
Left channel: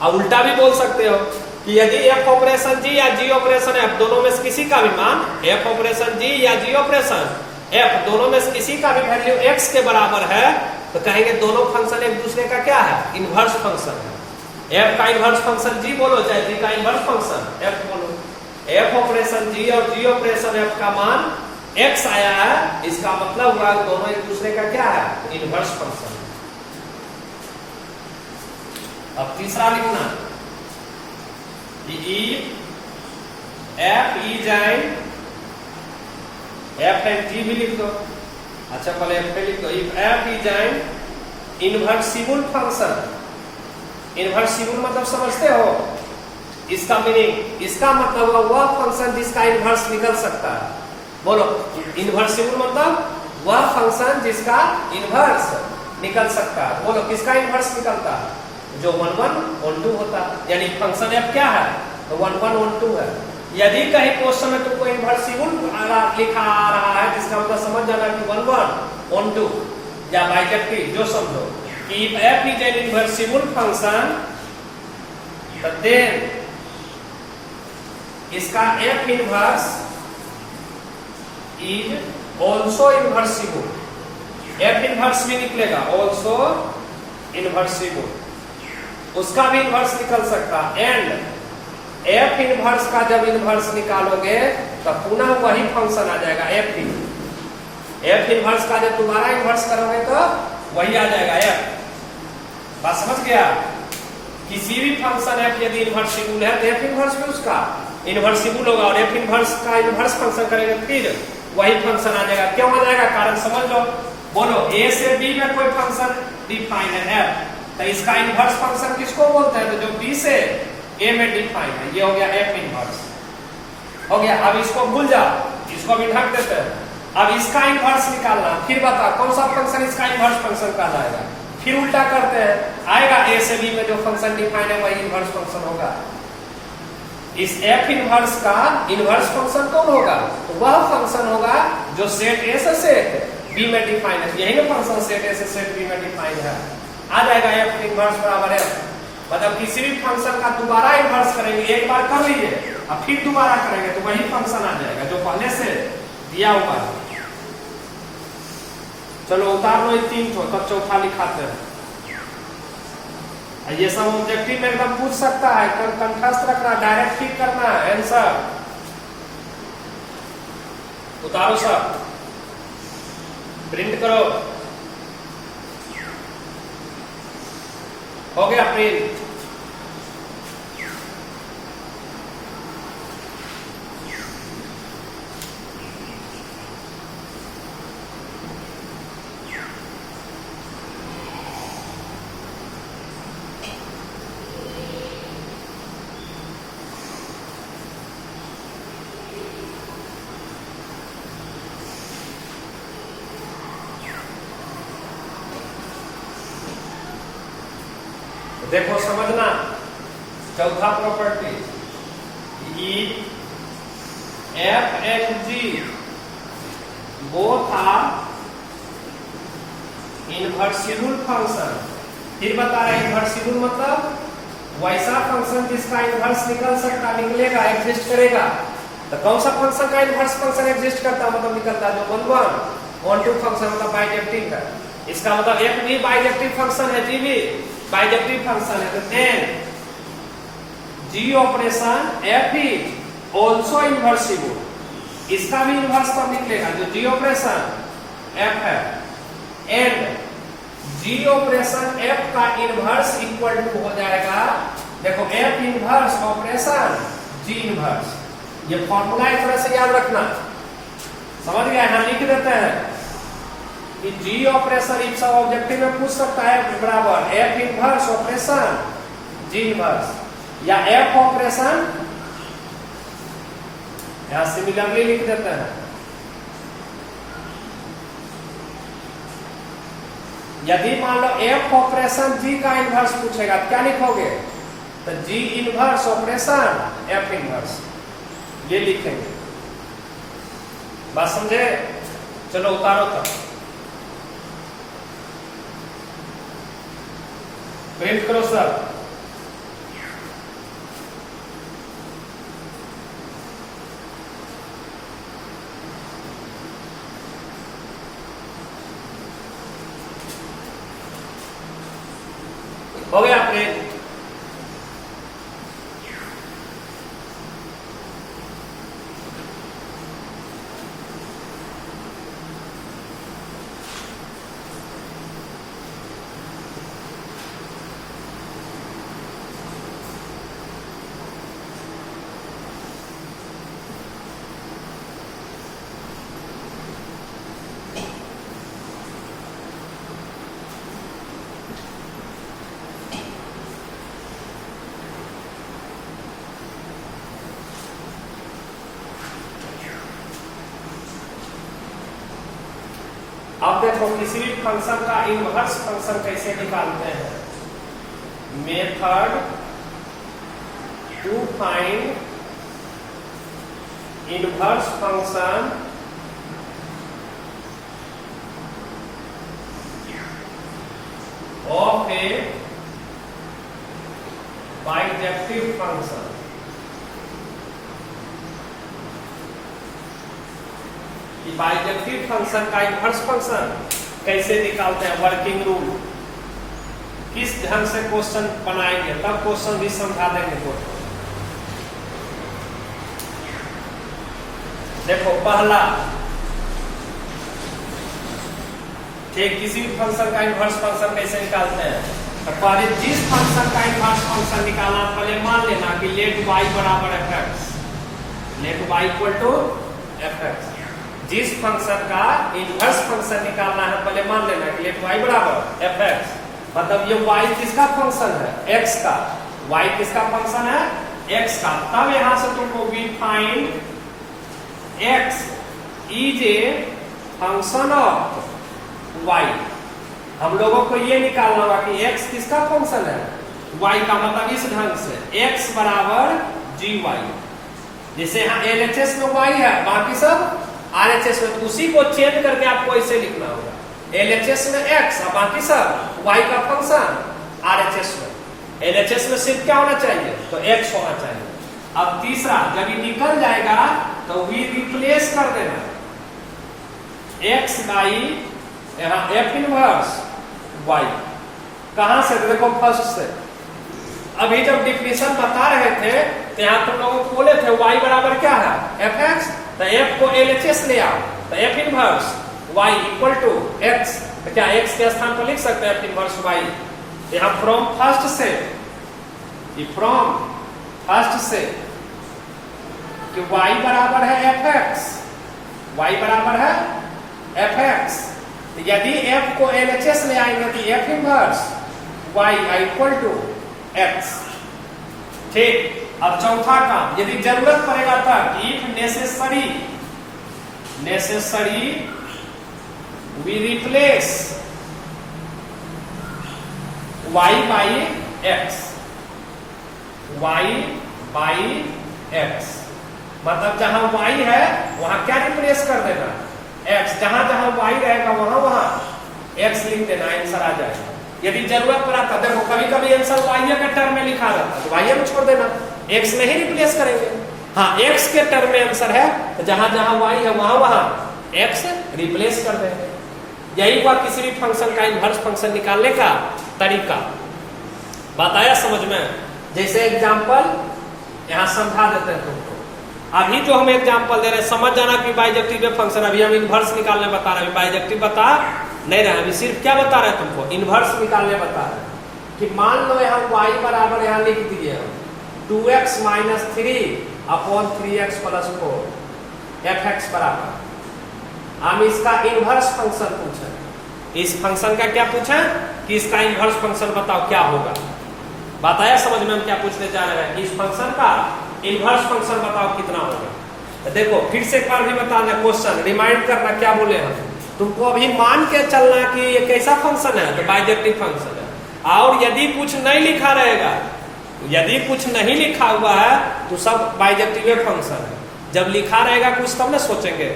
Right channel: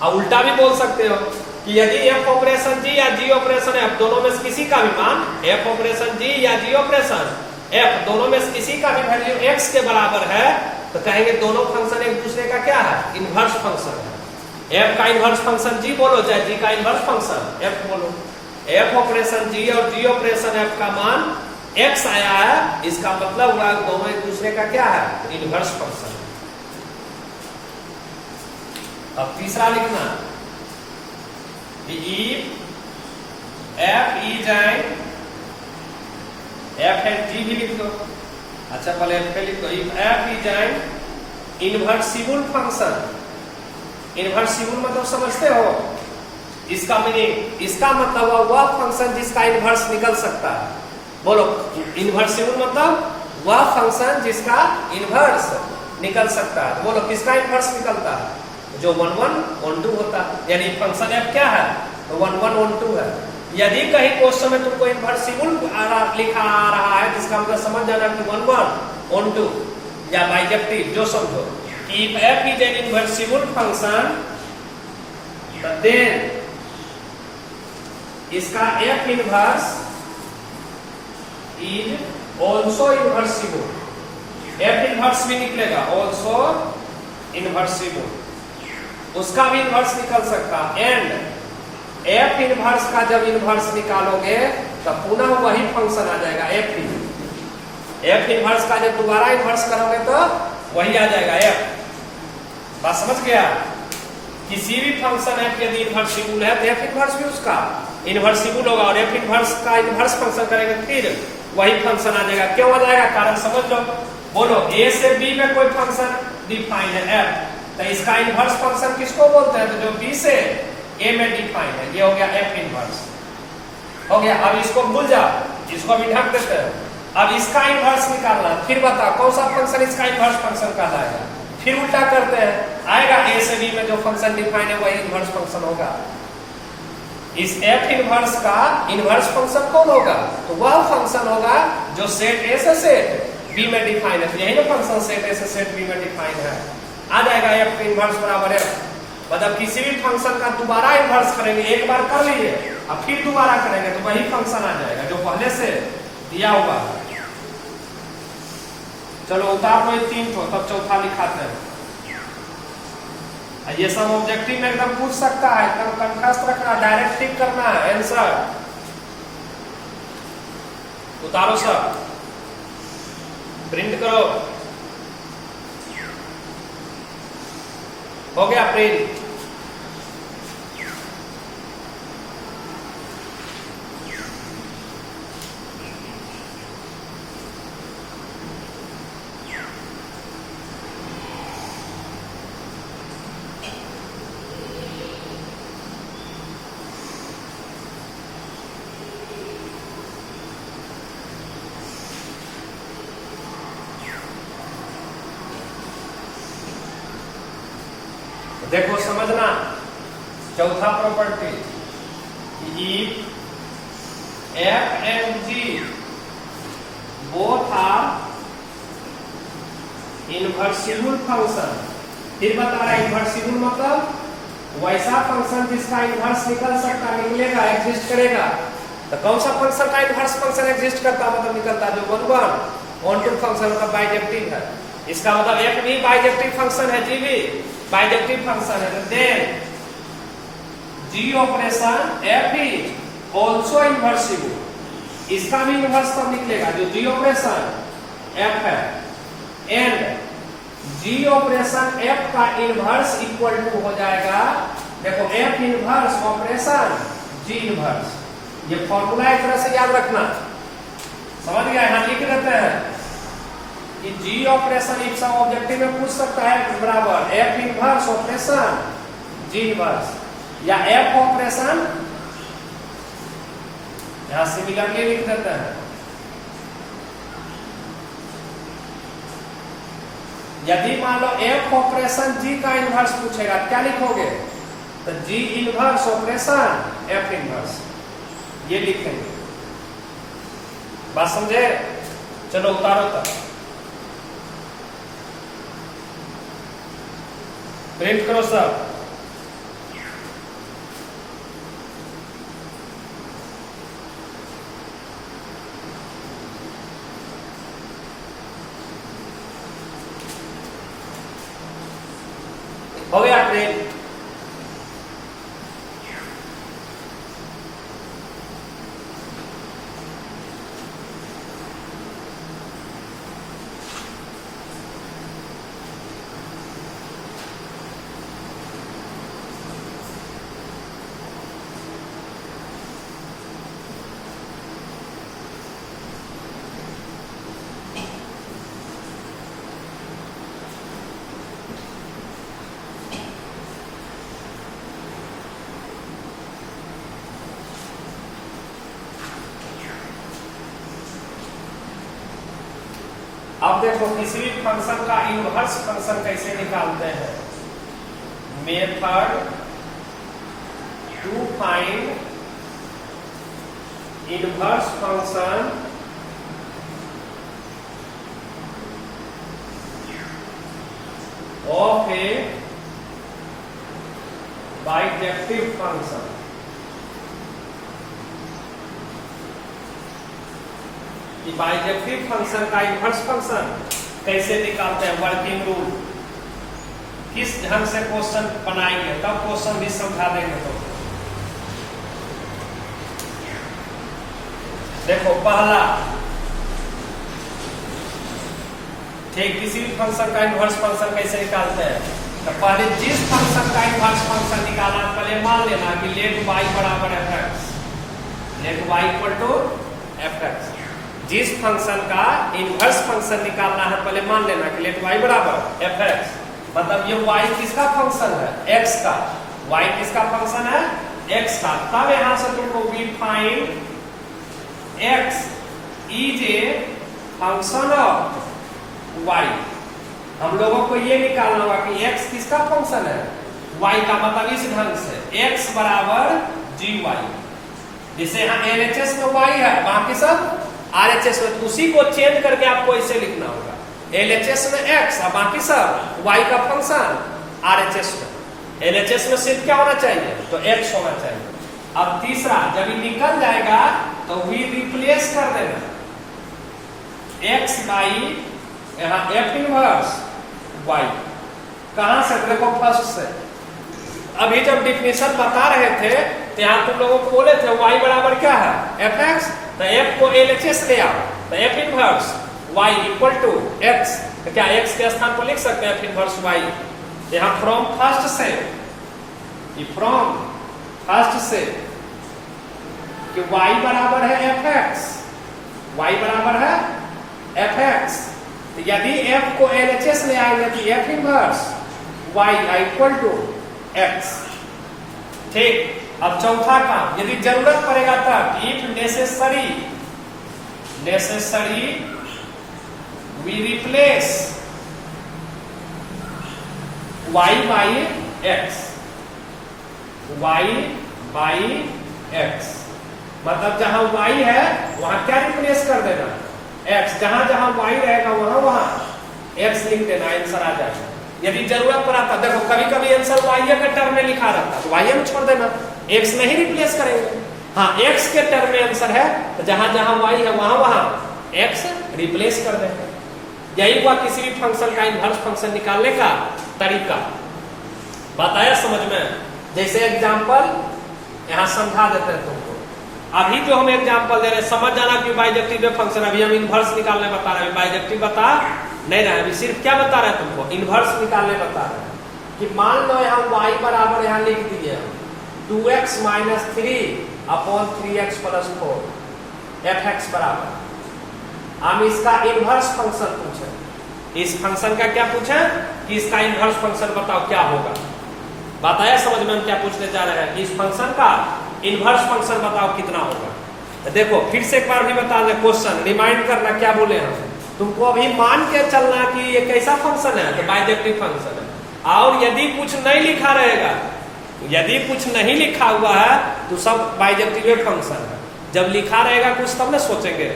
और उल्टा भी बोल सकते हो कि यदि एफ ऑपरेशन जी या जी ऑपरेशन एफ दोनों में से किसी का भी मान, एफ ऑपरेशन जी या जी ऑपरेशन एफ दोनों में से किसी का भी वैल्यू एक्स के बराबर है तो कहेंगे दोनों फंक्शन एक दूसरे का क्या है, इनवर्स फंक्शन है। एफ का इनवर्स फंक्शन जी बोलो चाहे जी का इनवर्स फंक्शन एफ बोलो, एफ ऑपरेशन जी और जी ऑपरेशन एफ का मान एक्स आया है, इसका मतलब हुआ दोनों एक दूसरे का क्या है, इनवर्स फंक्शन। अब तीसरा लिखना कि F is an F and G भी लिख दो। अच्छा पहले एफ पे लिख दो, if F is an invertible function. Invertible मतलब समझते हो इसका मीनिंग, इसका मतलब वह फंक्शन जिसका इनवर्स निकल सकता है। बोलो, इनवर्सिबल मतलब वह फंक्शन जिसका इनवर्स निकल सकता है। बोलो किसका इनवर्स निकलता है, जो 1 1 1 2 होता है, यानी फंक्शन एफ क्या है, तो 1 1 1 2 है। यदि कहीं क्वेश्चन में तुमको इनवर्सिबल लिखा आ रहा है जिसका मतलब समझ जाना कि 1 1 1 2 या बाइजेक्टिव जो समझो, if f is an inversible function then इसका f inverse is also inversible, f inverse भी निकलेगा, also inversible, उसका भी इनवर्स निकल सकता। एंड f इनवर्स का जब इनवर्स निकालोगे तब पुनः वही फंक्शन आ जाएगा f इनवर्स का जब दोबारा इनवर्स करोगे तो वही आ जाएगा f। बात समझ गया? किसी भी फंक्शन f यदि इनवर्सिबल है तो f इनवर्स भी उसका इनवर्सिबल होगा और f इनवर्स का इनवर्स फंक्शन करेगा फिर वही फंक्शन आ जाएगा। क्यों आ जाएगा, कारण समझ लो। बोलो a से b में कोई फंक्शन डिफाइन है f, तो इसका इनवर्स फंक्शन किसको बोलते हैं, तो जो b से a में डिफाइन है, ये हो गया f इनवर्स हो गया। अब इसको भूल जाओ, इसको भी ढक देते हैं। अब इसका इनवर्स निकालना, फिर बता कौन सा फंक्शन इसका इनवर्स फंक्शन कहलाएगा। फिर उल्टा करते हैं, आएगा a से b में जो फंक्शन डिफाइन है वही इनवर्स फंक्शन होगा। इस f इनवर्स का इनवर्स फंक्शन कौन होगा, तो वह फंक्शन होगा जो सेट a से सेट b में डिफाइन है। यही ना फंक्शन सेट a से सेट b में डिफाइन है, आ जाएगा f इनवर्स बराबर f। मतलब किसी भी फंक्शन का दोबारा इनवर्स करेंगे, एक बार कर लीजिए अब फिर दोबारा करेंगे तो वही फंक्शन आ जाएगा जो पहले से दिया हुआ है। चलो उतार लो 3 को, तब चौथा लिखाते हैं। ये सब ऑब्जेक्टिव में एकदम पूछ सकता है, कंठस्थ रखना, डायरेक्ट टिक करना आंसर। उतारो सब, प्रिंट करो, हो गया प्रिंट। देखो समझना, चौथा property, F and G both are invertible function. फिर बता रहा है इनवर्सिबल मतलब वैसा फंक्शन जिसका इनवर्स निकल सकता, निकलेगा, एग्जिस्ट करेगा। तो कौन सा फंक्शन का इनवर्स फंक्शन एग्जिस्ट करता है, मतलब निकलता है, जो वन टू फंक्शन मतलब बाइजेक्टिव है। इसका मतलब एफ भी बाइजेक्टिव फंक्शन है, जी भी बाइजेक्टिव फंक्शन है। तो then G operation F is also invertible, इसका भी इनवर्स तब निकलेगा जो जी ऑपरेशन एफ है। एंड जी ऑपरेशन एफ का इनवर्स इक्वल टू हो जाएगा, देखो F inverse operation G inverse. ये फॉर्मूला एक तरह से याद रखना, समझ गया? यहां लिख देते हैं कि जी ऑपरेशन इफ सब ऑब्जेक्टिव में पूछ सकता है बराबर F inverse operation G inverse, या एफ ऑपरेशन, यहां सिमिलरली लिख देते हैं। यदि मान लो एफ ऑपरेशन जी का इनवर्स पूछेगा, क्या लिखोगे? तो जी इनवर्स ऑपरेशन एफ इनवर्स, ये लिखेंगे। बात समझे? चलो उतारो तब, प्रिंट करो सब। हो गया प्रिंट? अब देखो किसी भी फंक्शन का इनवर्स फंक्शन कैसे निकालते हैं। Method to find inverse function of a bijective function. Bijective function का इनवर्स फंक्शन कैसे निकालते हैं, वर्किंग रूल, किस ढंग से क्वेश्चन बनाएंगे, तब क्वेश्चन भी समझा देंगे। तो देखो पहला, ठीक, किसी भी फंक्शन का इनवर्स फंक्शन कैसे निकालते हैं। तो पहले जिस फंक्शन का इनवर्स फंक्शन निकालना, पहले मान लेना कि लेट वाई बराबर f x, let y equal to f x. जिस फंक्शन का इनवर्स फंक्शन निकालना है, पहले मान लेना कि लेट y बराबर एफ एक्स, मतलब ये y किसका फंक्शन है, x का। y किसका फंक्शन है, x का। तब यहां से तुमको we find x is a function of y। हम लोगों को ये निकालना होगा कि x किसका फंक्शन है, y का। मतलब इस ढंग से x बराबर gy, जैसे यहाँ LHS में y है, बाकी सब RHS में, उसी को चेंज करके आपको ऐसे लिखना होगा, LHS में x और बाकी सब y का फंक्शन RHS में। LHS में सिर्फ क्या होना चाहिए, तो x होना चाहिए। अब तीसरा, जब ये निकल जाएगा तो वी रिप्लेस कर देना x बाई यहाँ f इनवर्स y। कहां से? देखो फर्स्ट से। अभी जब डिफिनेशन बता रहे थे तो यहाँ तुम लोगों को बोले थे y बराबर क्या है, एफ एक्स। तो f को LHS ले आओ, तो f inverse y equal to x। तो क्या x के स्थान पर लिख सकते हैं f इनवर्स y। यहाँ फ्रॉम फर्स्ट से, फ्रॉम फर्स्ट से कि y बराबर है एफ एक्स, y बराबर है एफ एक्स। तो यदि f को LHS ले आएंगे तो f inverse y equal to x। ठीक, अब चौथा काम, यदि जरूरत पड़ेगा तब if necessary we replace y by x, y by x, मतलब जहां y है वहां क्या रिप्लेस कर देना, x, जहां जहां y रहेगा वहां वहां x लिख देना, आंसर आ जाएगा। यदि जरूरत पड़ा था, देखो कभी कभी आंसर y के टर्म में लिखा रहता तो y में छोड़ देना, x नहीं रिप्लेस करेंगे। हाँ, x के टर्म में आंसर है तो जहां जहां y है वहां वहां x रिप्लेस कर देंगे। यही हुआ किसी भी फंक्शन का इनवर्स फंक्शन निकालने का तरीका। बताया समझ में? जैसे एग्जांपल यहां समझा देते हैं तुमको। अभी जो हम एग्जांपल दे रहे हैं समझ जाना कि बाइजेक्टिव फंक्शन, अभी हम इनवर्स निकालने बता रहे हैं, बाइजेक्टिव बता नहीं रहे, अभी सिर्फ क्या बता रहे हैं तुमको, इनवर्स निकालने बता रहे हैं। कि मान लो यहाँ y बराबर यहाँ लिख दीजिए 2x minus 3 upon 3x plus 4 fx बराबर। हम इसका इनवर्स फंक्शन पूछे, इस फंक्शन का क्या पूछे कि इसका इनवर्स फंक्शन बताओ क्या होगा। बताया समझ में हम क्या पूछने जा रहे हैं, इस फंक्शन का इनवर्स फंक्शन बताओ कितना होगा। तो देखो फिर से एक बार भी बता दें, क्वेश्चन रिमाइंड करना क्या बोले हम तुमको, अभी मान के चलना कि ये कैसा फंक्शन है, तो बाइजेक्टिव फंक्शन है। और यदि कुछ नहीं लिखा रहेगा, यदि कुछ नहीं लिखा हुआ है तो सब बाइजेक्टिव फंक्शन है। जब लिखा रहेगा कुछ तब ना सोचेंगे।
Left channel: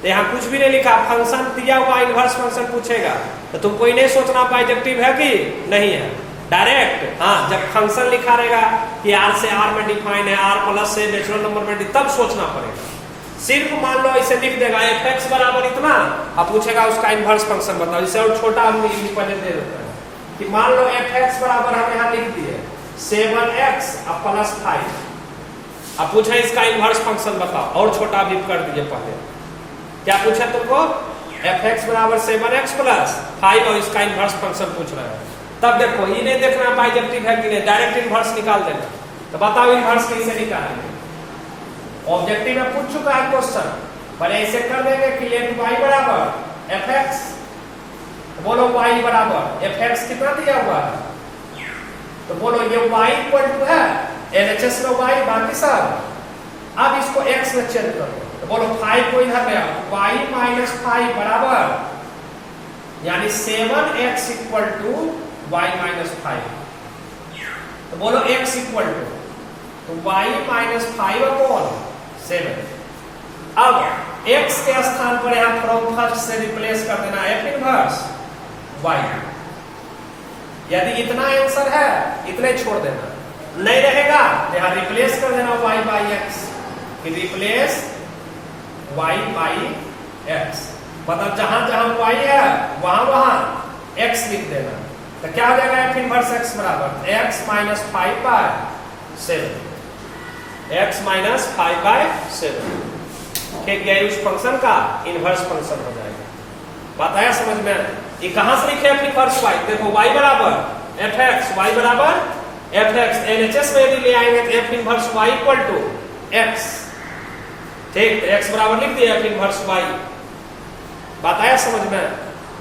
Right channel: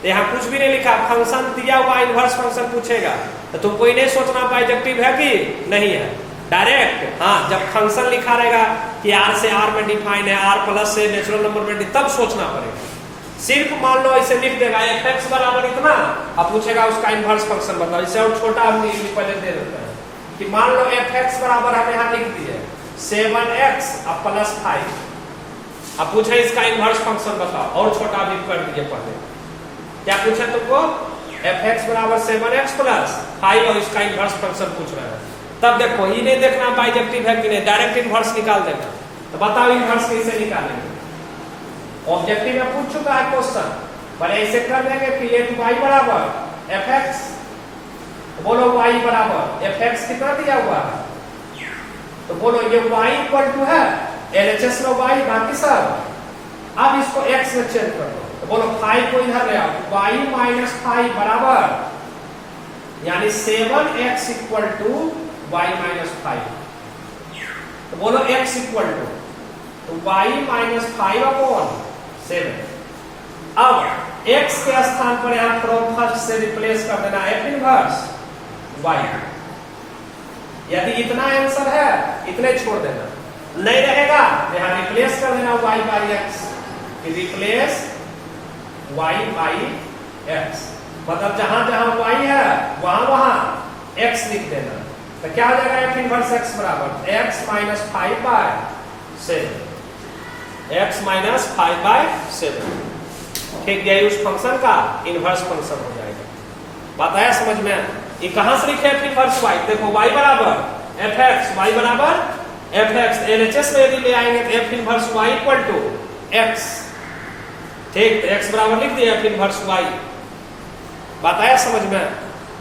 तो यहाँ कुछ भी नहीं लिखा, फंक्शन दिया हुआ इनवर्स फंक्शन पूछेगा तो तुमको ही नहीं सोचना बाइजेक्टिव है कि नहीं है, डायरेक्ट। हाँ, जब फंक्शन लिखा रहेगा कि r से r में डिफाइन है, r प्लस से नेचुरल नंबर में, तब सोचना पड़ेगा। सिर्फ मान लो ऐसे लिख देगा fx बराबर इतना, अब पूछेगा उसका इनवर्स फंक्शन बताओ। इसे और छोटा हम पहले दे देते हैं कि मान लो fx बराबर हम यहाँ लिख दिए 7x अब प्लस 5। अब पूछे इसका इनवर्स फंक्शन बताओ, और छोटा भी कर दिए पहले। क्या पूछा तुमको, fx बराबर 7x प्लस 5 और इसका इनवर्स फंक्शन पूछ रहा है। तब देखो ये नहीं देखना बाइजेक्टिव है कि नहीं, डायरेक्ट इनवर्स निकाल देना। तो बताओ इनवर्स कैसे निकालेंगे। ऑब्जेक्टिव में पूछ चुका है क्वेश्चन, पर ऐसे कर देंगे कि लेट y बराबर fx, तो बोलो y बराबर fx कितना दिया हुआ है, तो बोलो ये y इक्वल टू है LHS में y बाकी सब। अब इसको x में चेंज कर दो, तो बोलो 5 को इधर ले आओ, y माइनस 5 बराबर यानी 7x equal to y minus 5। तो बोलो x इक्वल टू, तो y माइनस 5 अपॉन 7। अब x के स्थान पर यहां फ्रॉम फर्स्ट से रिप्लेस कर देना f इनवर्स y। यदि इतना आंसर है इतने छोड़ देना, नहीं रहेगा यहां रिप्लेस कर देना y by x, replace y by x, मतलब जहां जहां y है वहां वहां x लिख देना। तो क्या हो जाएगा f इनवर्स x बराबर x minus 5 by 7, x minus 5 by 7। ठीक है, उस फंक्शन का इनवर्स फंक्शन हो जाएगा। बताया समझ में? ये कहां से लिखे f इनवर्स y, देखो y बराबर fx, y बराबर fx, LHS में यदि ले आएंगे तो f inverse y equal to x। ठीक, तो x बराबर लिख दिया f इनवर्स y। बताया समझ में?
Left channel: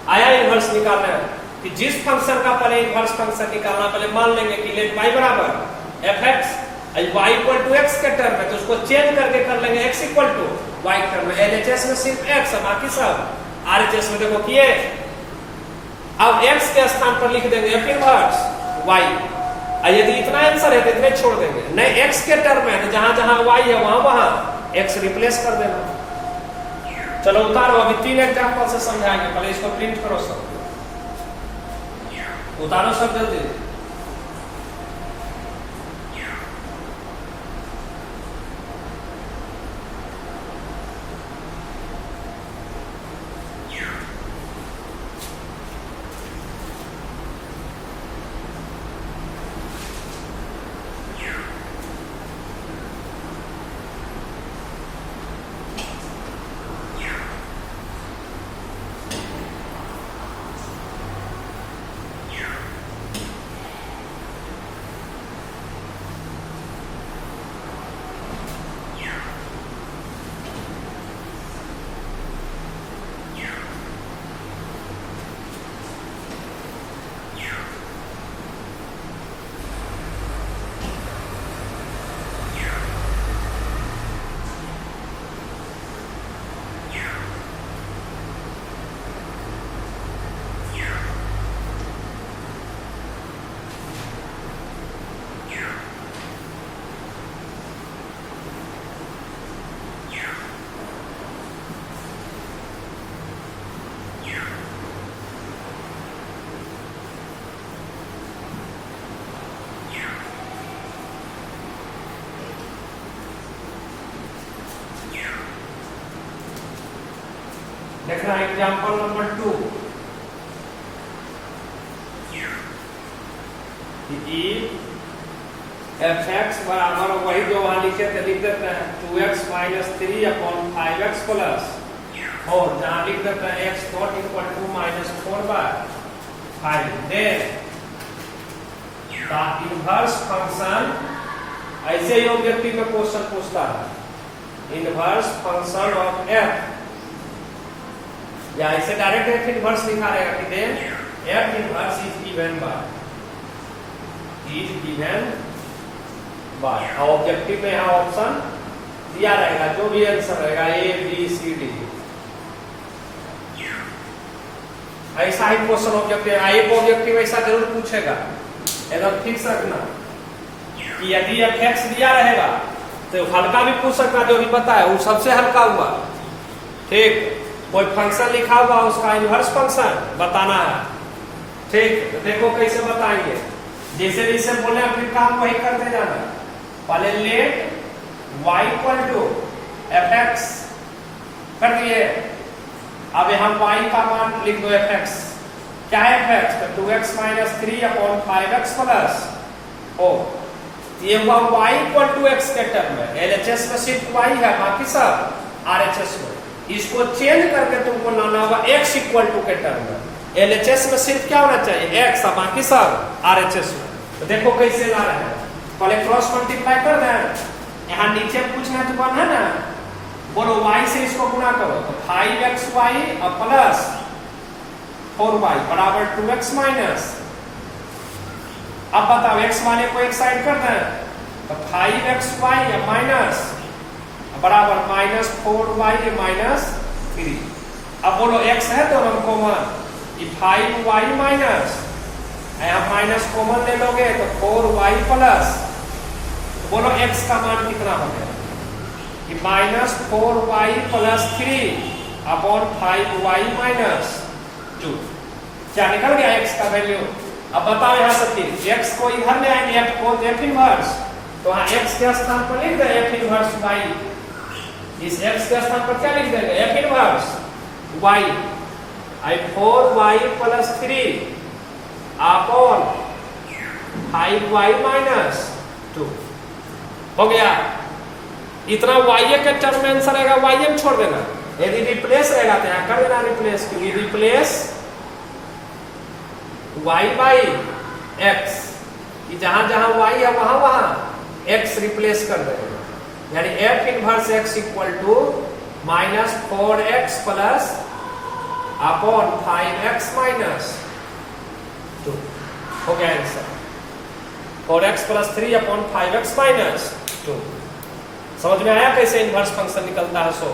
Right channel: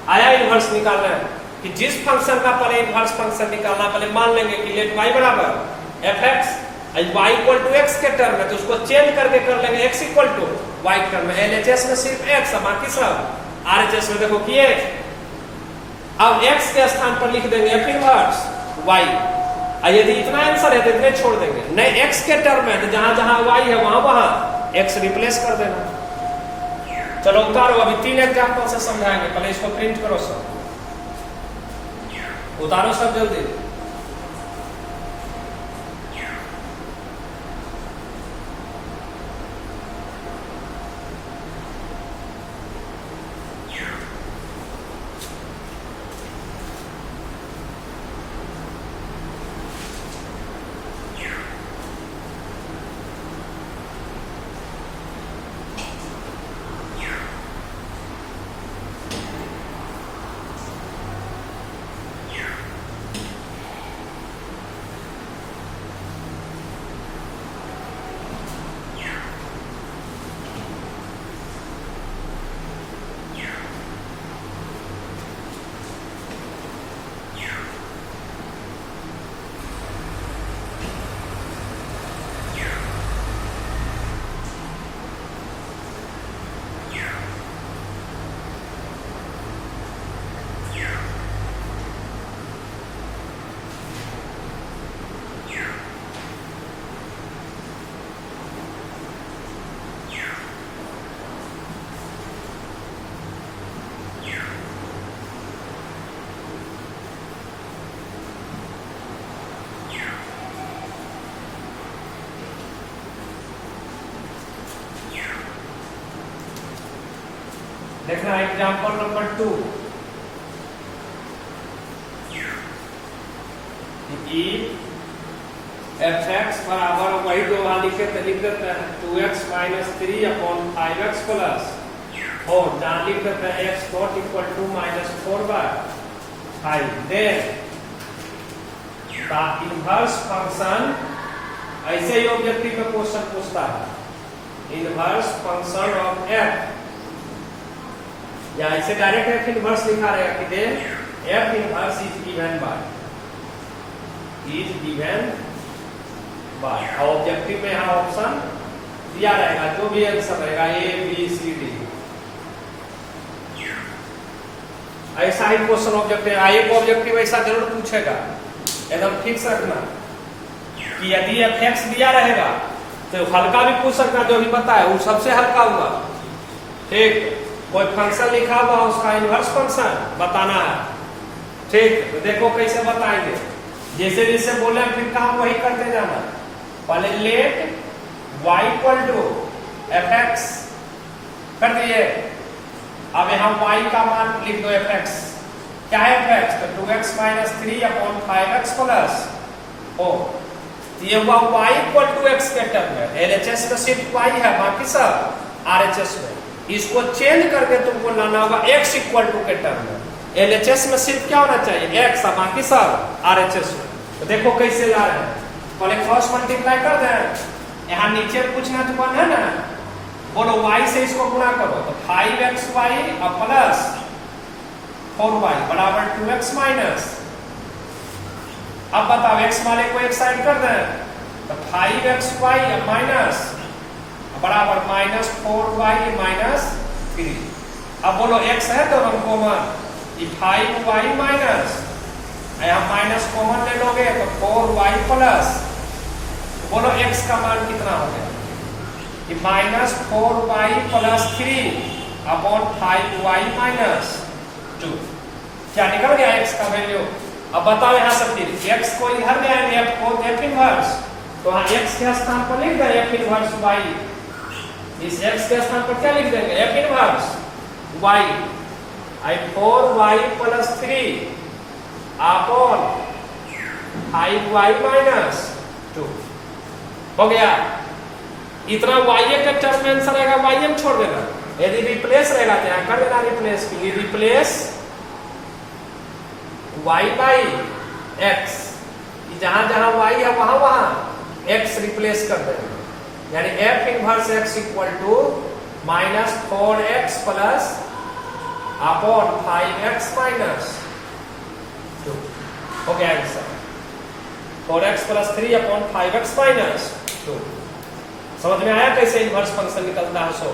आया इनवर्स निकालना कि जिस फंक्शन का पहले इनवर्स फंक्शन निकालना, पहले मान लेंगे कि लेट y बराबर fx, y equal to x के टर्म में, तो उसको चेंज करके कर लेंगे x इक्वल टू y के टर्म में। LHS में सिर्फ x है, बाकी सब RHS में देखो किए। अब x के स्थान पर लिख देंगे f इनवर्स y। यदि इतना आंसर है तो इतने छोड़ देंगे, नहीं x के टर्म में, तो जहां जहां y है वहां वहां x रिप्लेस कर देना। चलो उतारो, अभी 3 एग्जांपल से समझाएंगे, पहले इसको प्रिंट करो सब, उतारो सब जल्दी। देखना example number 2 E F x बराबर वही जो वहां लिखे थे लिख देते हैं 2x minus 3 upon 5x plus और जहां लिख देते हैं x not equal to minus 4/5 then का इनवर्स फंक्शन ऐसे ही ऑब्जेक्टिव में क्वेश्चन पूछता है इनवर्स फंक्शन ऑफ f या ऐसे डायरेक्ट f इनवर्स लिखा रहेगा कि then f inverse is given by objective में यहाँ ऑप्शन दिया रहेगा जो भी आंसर रहेगा A B C D ऐसा ही क्वेश्चन ऑब्जेक्टिव एक ऑब्जेक्टिव ऐसा जरूर पूछेगा एकदम फिक्स रखना कि यदि f(x) दिया रहेगा तो हल्का भी पूछ सकता जो भी बताया वो सबसे हल्का हुआ ठीक कोई फंक्शन लिखा हुआ उसका इनवर्स फंक्शन बताना है ठीक तो देखो कैसे बताएंगे जैसे जैसे बोले फिर काम वही करते जाना पहले late y equal to f(x) कर दिए अब यहाँ y का मान लिख दो f(x) क्या है f(x) तो 2x minus 3 upon 5x plus O ये हुआ y इक्वल टू x के टर्म में LHS में सिर्फ y है बाकी सब RHS में इसको चेंज करके तुमको लाना होगा x इक्वल टू के टर्म में LHS में सिर्फ क्या होना चाहिए x बाकी सब RHS में तो देखो कैसे ला रहे हैं पहले क्रॉस मल्टीप्लाई कर दें यहाँ नीचे पूछना जो बन है ना बोलो y से इसको गुणा करो तो 5xy और प्लस 4y बराबर 2x माइनस अब बताओ x वाले को एक साइड कर दें तो 5xy माइनस बराबर माइनस 4y माइनस 3 अब बोलो x है दोनों कॉमन ये 5y माइनस यहाँ माइनस कॉमन ले लोगे तो 4y प्लस बोलो x का मान कितना हो गया कि minus 4y plus 3 upon 5y minus 2 क्या निकल गया x का वैल्यू अब बताओ यहाँ से फिर x को इधर ले आएंगे f इनवर्स तो यहाँ x के स्थान पर लिख दें f इनवर्स y इस x के स्थान पर क्या लिख देंगे f इनवर्स y आई 4y plus 3 upon 5y minus 2 हो गया इतना y के टर्म में आंसर रहेगा y में छोड़ देना यदि रिप्लेस रहेगा क्या कर देना replace replace y by x जहां जहां y है वहां वहां x रिप्लेस कर देना यानी f inverse x equal to minus 4x plus upon 5x minus 2 हो गया answer 4x plus 3 upon 5x minus 2 समझ में आया कैसे इनवर्स फंक्शन निकलता है सो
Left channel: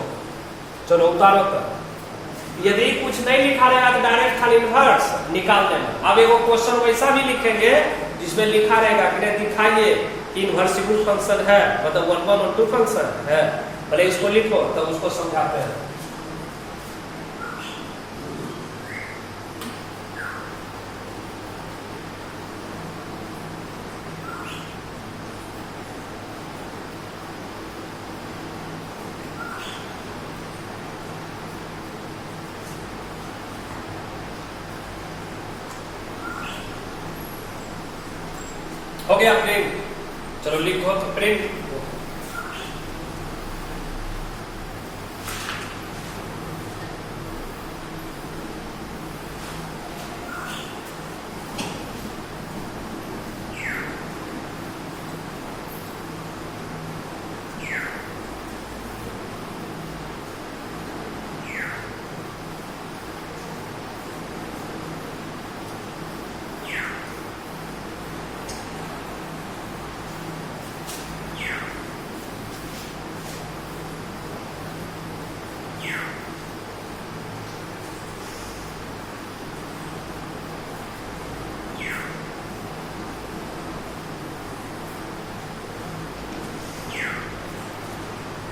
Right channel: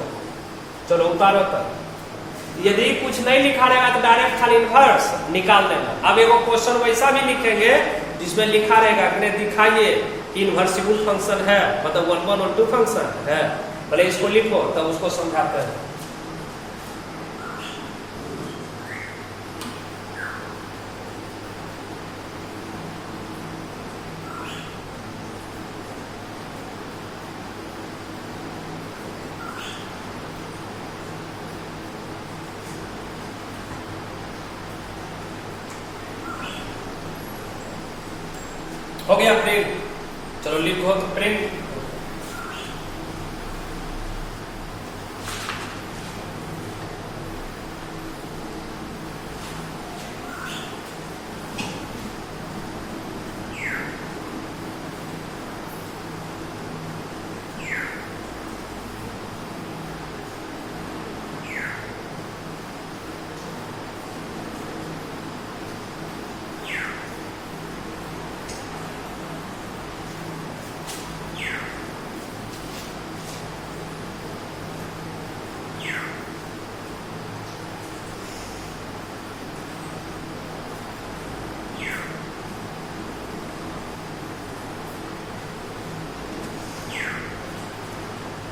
चलो उतारो तक यदि कुछ नहीं लिखा रहेगा तो डायरेक्ट खाली इनवर्स निकाल देना अब एक क्वेश्चन वैसा भी लिखेंगे जिसमें लिखा रहेगा कि दिखाइए इनवर्सिबल फंक्शन है मतलब 1 1 और 2 फंक्शन है पहले इसको लिखो तब उसको समझाते हैं हो गया प्रिंट चलो लिखो तो प्रिंट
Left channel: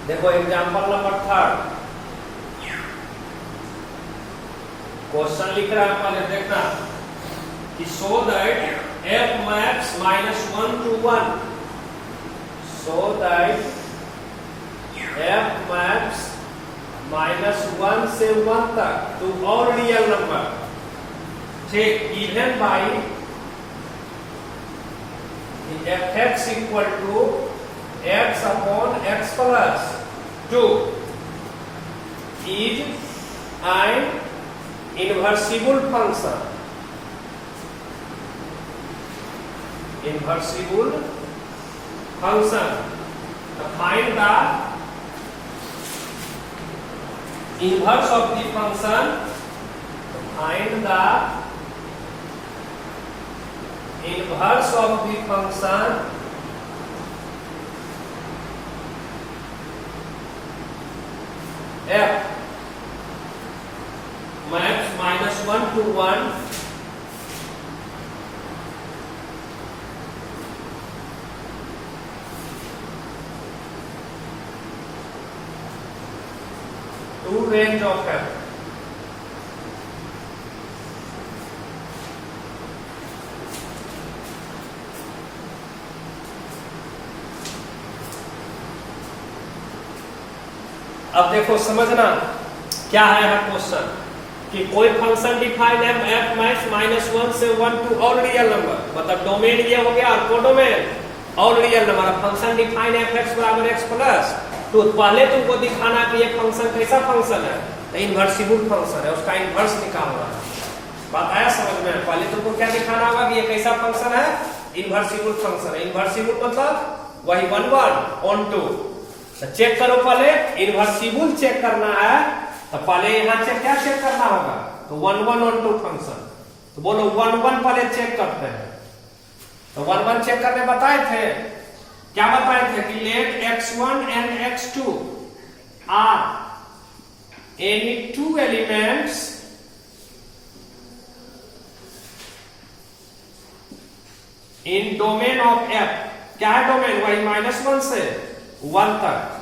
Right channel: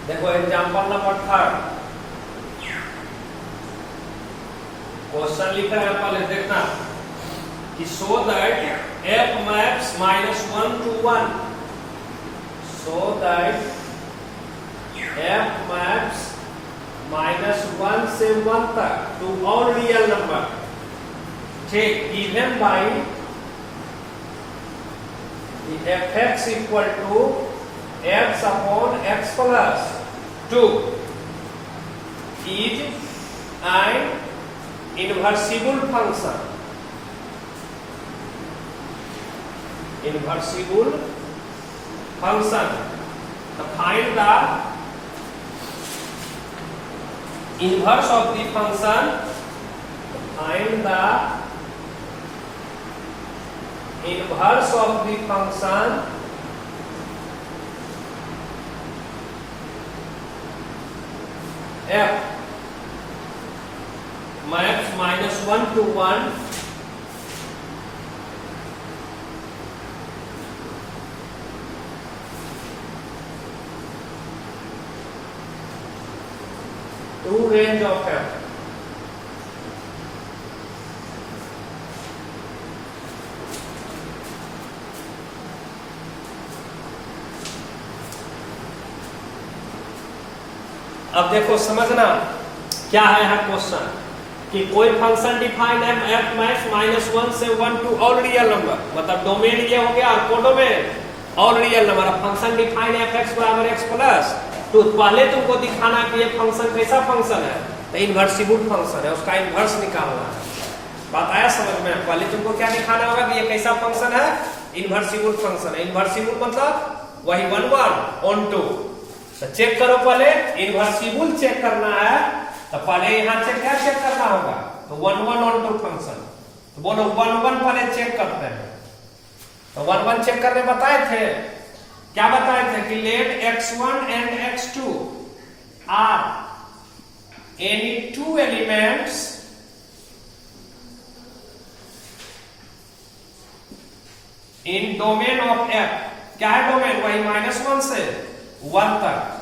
देखो एग्जांपल नंबर 3 क्वेश्चन लिख रहा है पहले देखना कि so that f maps -1 to 1 so that f maps -1 1 से 1 तक टू ऑल रियल नंबर, ठीक, given by fx equal to x upon x plus 2 is an inversible function. Inversible function. Find the inverse of the function. Find the inverse of the function f maps -1 to 1 to range of f. अब देखो समझना क्या है यहाँ question कि कोई function define है f max -1 से 1 टू ऑल रियल नंबर, मतलब डोमेन ये हो गया और codomain all real number. Function define है fx बराबर x प्लस, तो पहले तुमको दिखाना कि ये फंक्शन कैसा फंक्शन है, तो इन्वर्सिबल फंक्शन है, उसका इन्वर्स निकालना। बात आया समझ में? पहले तुमको क्या दिखाना होगा कि ये कैसा फंक्शन है, इन्वर्सिबल फंक्शन है। इन्वर्सिबल मतलब वही 1 1 on 2। तो चेक करो, पहले इन्वर्सिबल चेक करना है तो पहले यहाँ से क्या चेक करना होगा, तो 1 1 on 2 फंक्शन। तो बोलो 1 1 पहले चेक करते हैं। तो 1 1 चेक करने बताए थे, क्या बताए थे कि let x1 and x2 are any two elements in domain of f। क्या है डोमेन? वही -1 से 1 तक।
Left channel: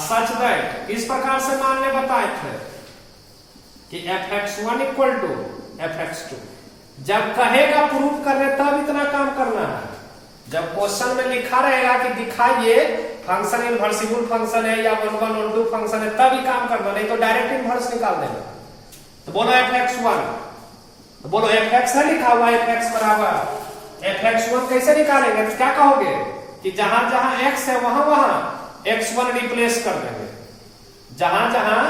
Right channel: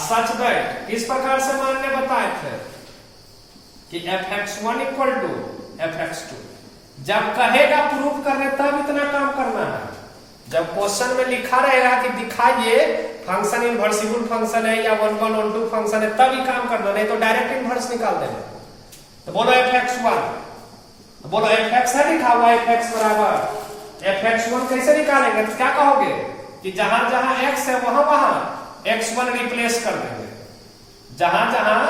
सच दैट इस प्रकार से मानने बताए थे कि fx1 इक्वल टू fx2। जब कहेगा प्रूफ करने तब इतना काम करना है। जब क्वेश्चन में लिखा रहेगा कि दिखाइए फंक्शन इन्वर्सिबल फंक्शन है या 1 1 on 2 फंक्शन है, तभी काम करना, नहीं तो डायरेक्ट इन्वर्स निकाल देना। तो बोलो fx1, तो बोलो fx है लिखा हुआ fx बराबर fx1 कैसे निकालेंगे? तो क्या कहोगे कि जहां जहां x है वहां वहां x1 रिप्लेस कर देंगे, जहां जहां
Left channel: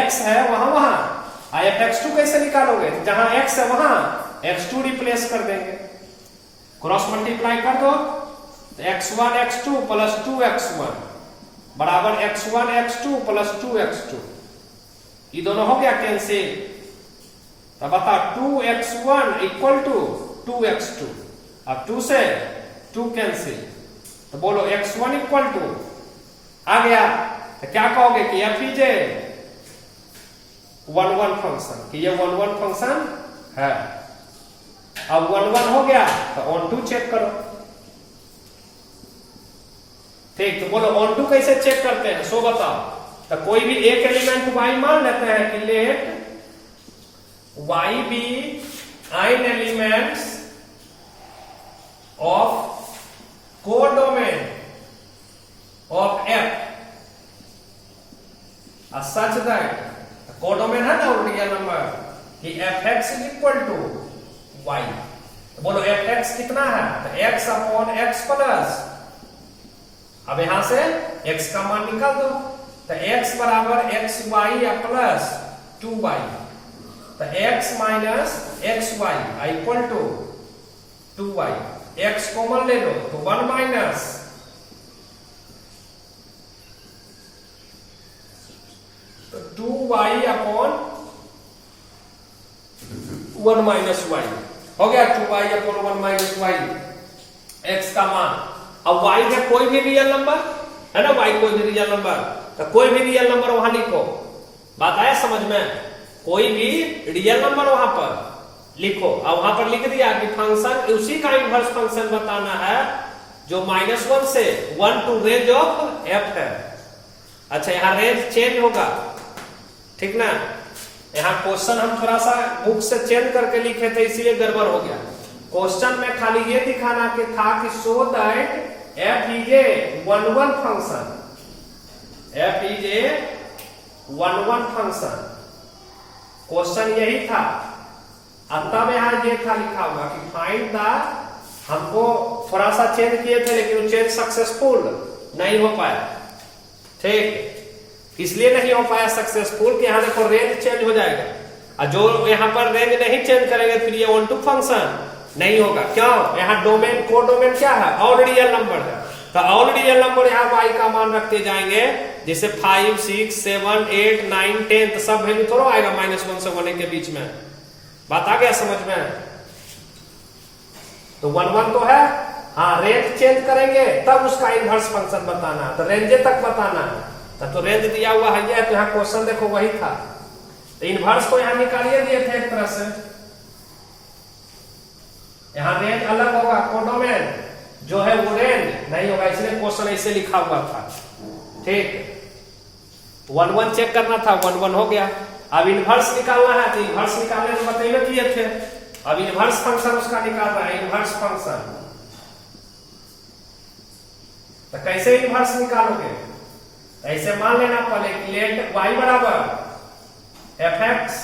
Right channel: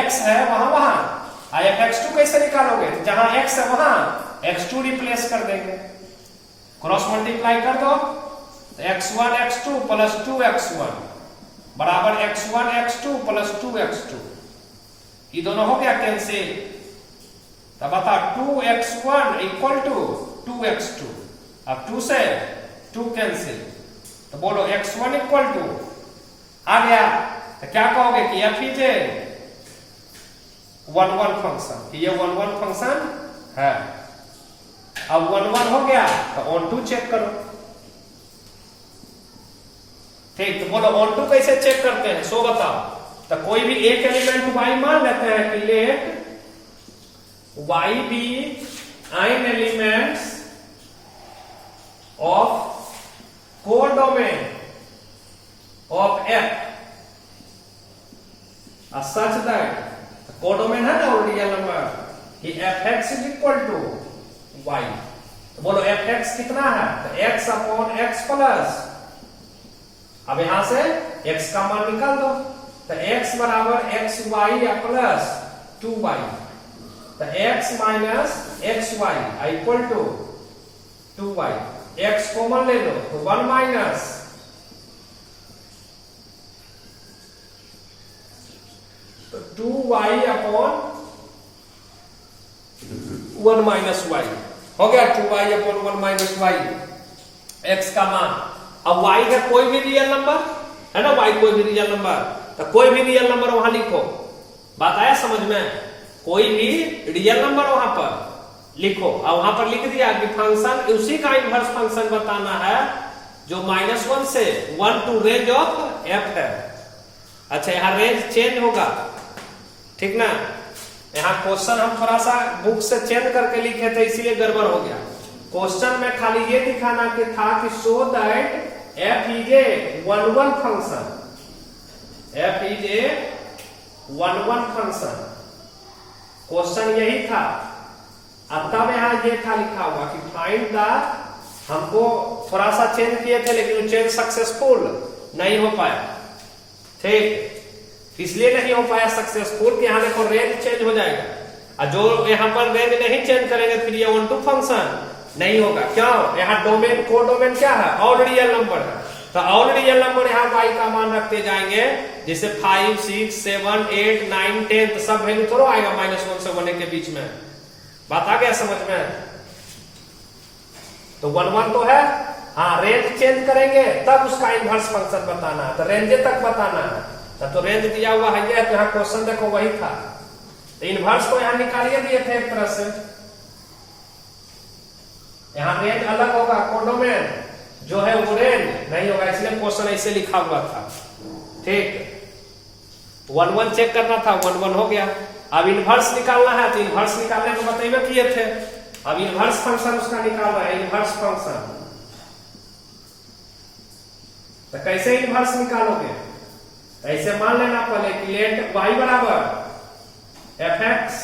x है वहां वहां fx2 कैसे निकालोगे? तो जहां x है वहां x2 रिप्लेस कर देंगे, क्रॉस मल्टीप्लाई कर दो, x1 x2 प्लस 2x1 बराबर x1 x2 प्लस 2x2। ये दोनों हो गया कैंसिल। तब बता 2x1 इक्वल टू 2x2, अब 2 से 2 कैंसिल। तो बोलो x1 इक्वल टू आ गया, तो क्या कहोगे कि f इज ए 1 1 फंक्शन, कि ये 1 1 फंक्शन है। अब 1 1 हो गया तो ऑन 2 चेक करो, ठीक। तो बोलो ऑन 2 कैसे चेक करते हैं, सो बताओ। तो कोई भी एक एलिमेंट y मान लेते हैं कि let y be n elements of codomain of f such that codomain है ना रियल नंबर कि fx is equal to y। तो बोलो fx कितना है, तो x अपॉन x प्लस, अब यहां से x का मान निकाल दो, तो x बराबर xy या प्लस 2y। तो x minus xy equal to 2y। x common ले लो तो 1 माइनस, तो 2y अपॉन 1 माइनस y हो गया, 2y upon 1 minus y x का मान। अब y है कोई भी रियल नंबर है ना, y कोई भी रियल नंबर, तो कोई भी रियल नंबर वहां लिखो। बात आया समझ में? कोई भी रियल नंबर वहां पर लिखो, और वहां पर लिख दिया कि फंक्शन उसी का इन्वर्स फंक्शन बताना है जो -1 से 1 टू रेंज ऑफ f है। अच्छा यहाँ रेंज चेंज होगा, ठीक ना। यहाँ क्वेश्चन हम थोड़ा सा बुक से चेंज करके लिखे थे इसलिए गड़बड़ हो गया। क्वेश्चन में खाली ये दिखाना कि था कि show that f is a 1 1 function, f is a 1 function, question यही था। अब तब यहां ये था लिखा हुआ कि फाइंड द, हमको थोड़ा सा चेंज किए थे लेकिन वो चेंज सक्सेसफुल नहीं हो पाया। ठीक, इसलिए नहीं हो पाया सक्सेसफुल कि यहां देखो रेंज चेंज हो जाएगा, और जो यहां पर रेंज नहीं चेंज करेंगे फिर ये ऑनटू फंक्शन नहीं होगा। क्यों? यहाँ डोमेन, को डोमेन क्या है? ऑल रियल नंबर है। तो ऑल रियल नंबर यहाँ y का मान रखते जाएंगे, जैसे 5, 6, 7, 8, 9, 10 तो सब वैल्यू थोड़ा आएगा -1 से 1 के बीच में। बात आ गया समझ में? तो 1 1 तो है, हाँ रेंज चेंज करेंगे तब उसका इनवर्स फंक्शन बताना है, तो रेंज तक बताना है। तो रेंज दिया हुआ है, तो यहाँ क्वेश्चन देखो वही था, तो इनवर्स को यहाँ निकालिए दिए थे एक तरह से। यहाँ रेंज अलग होगा, कोडोमेन जो है वो रेंज नहीं होगा, इसलिए क्वेश्चन ऐसे लिखा हुआ था। ठीक, 1 1 चेक करना था, 1 1 हो गया। अब इनवर्स निकालना है, तो इनवर्स निकालने में बताइए किए थे। अब इनवर्स फंक्शन उसका निकाल रहा है, इनवर्स फंक्शन। तो कैसे इनवर्स निकालोगे? ऐसे मान लेना पहले कि लेट y बराबर fx,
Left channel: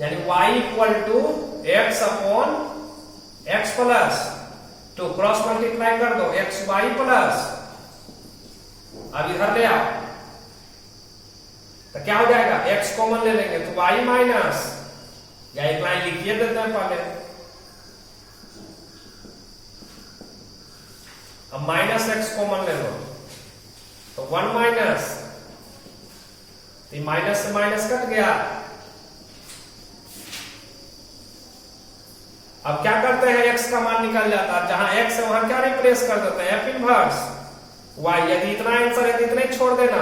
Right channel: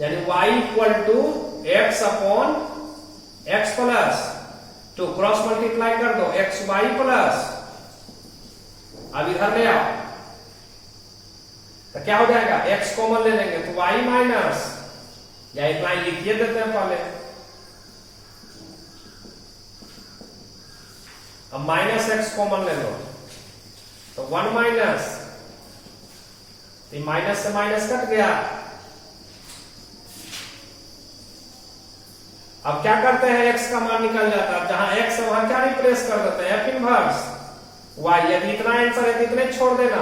यानी y equal to x upon x plus 2, cross multiply कर दो x y प्लस, अब इधर ले आओ तो क्या हो जाएगा? x कॉमन ले लेंगे तो y माइनस, या एक लाइन लिखिए देते हैं पहले, अब माइनस x कॉमन ले लो तो 1 माइनस, तो माइनस से माइनस कट गया। अब क्या करते हैं? x का मान निकल जाता है, जहां x है वहां क्या रिप्लेस कर देते हैं? f inverse y। यदि इतना आंसर है तो इतना ही छोड़ देना,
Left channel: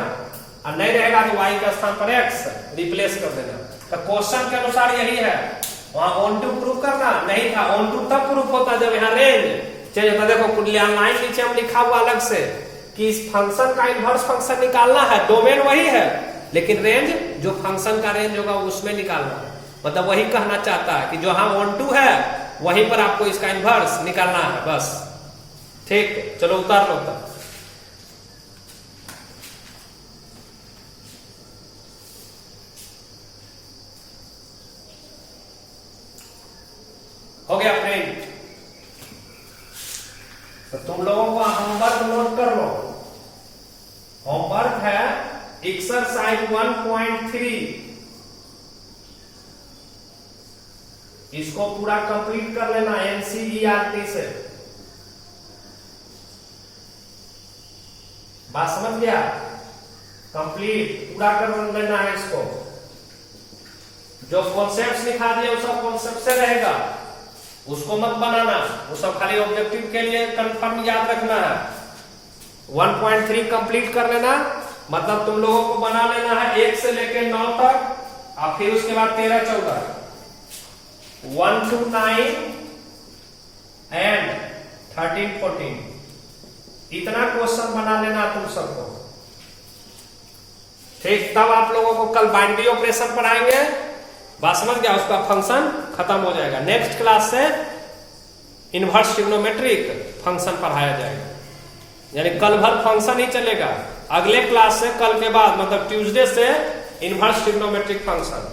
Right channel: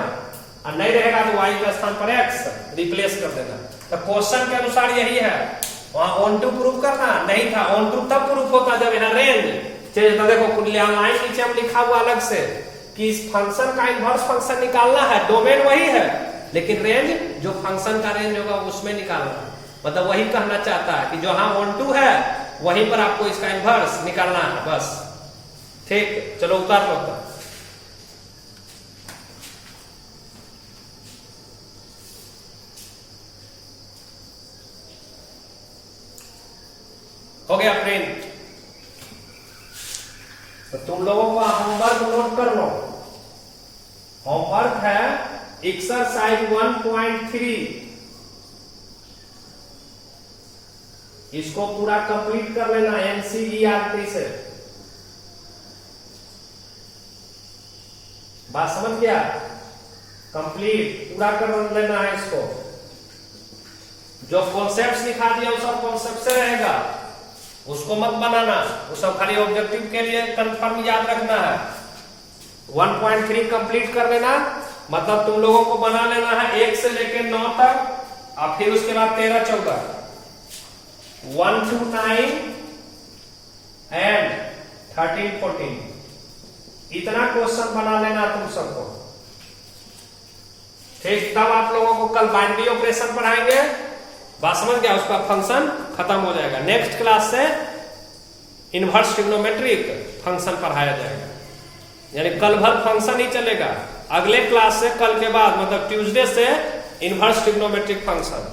और नहीं रहेगा तो y के स्थान पर x रिप्लेस कर देना। तो क्वेश्चन के अनुसार यही है, वहां ऑन टू प्रूव करना नहीं था, ऑन टू तब प्रूफ होता जब यहाँ रेंज चेंज होता। देखो लाइन नीचे हम लिखा हुआ अलग से कि इस फंक्शन का इनवर्स फंक्शन निकालना है, डोमेन वही है लेकिन रेंज जो फंक्शन का रेंज होगा उसमें निकालना है। मतलब वही कहना चाहता है कि जो हाँ ऑन टू है वहीं पर आपको इसका इनवर्स निकालना है बस। ठीक, चलो उतार लो तब। हो गया फ्रेंड? तो तुम लोगों को होमवर्क नोट कर लो। होमवर्क है एक्सरसाइज 1.3, इसको पूरा कंप्लीट कर लेना NCERT से। बात समझ गया? कंप्लीट पूरा कर लेना है इसको। जो कॉन्सेप्ट लिखा दिया वो सब कॉन्सेप्ट से रहेगा, उसको मत बनाना, वो सब खाली ऑब्जेक्टिव के लिए कंफर्म याद रखना है। 1.3 कंप्लीट कर लेना, मतलब तुम लोगों को बना लेना है 1 से लेकर 9 तक, और फिर उसके बाद 13, 14, 1 to 9 एंड 13, 14, इतना क्वेश्चन बना लेना तुम सबको। ठीक, तब आप लोगों को कल बाइनरी ऑपरेशन पढ़ाएंगे। बात समझ गया? उसका फंक्शन खत्म हो जाएगा। नेक्स्ट क्लास से इनवर्स ट्रिग्नोमेट्रिक फंक्शन पढ़ाया जाएगा, यानी कल भर फंक्शन ही चलेगा। अगले क्लास से, कल के बाद मतलब ट्यूसडे से इनवर्स ट्रिग्नोमेट्रिक फंक्शन।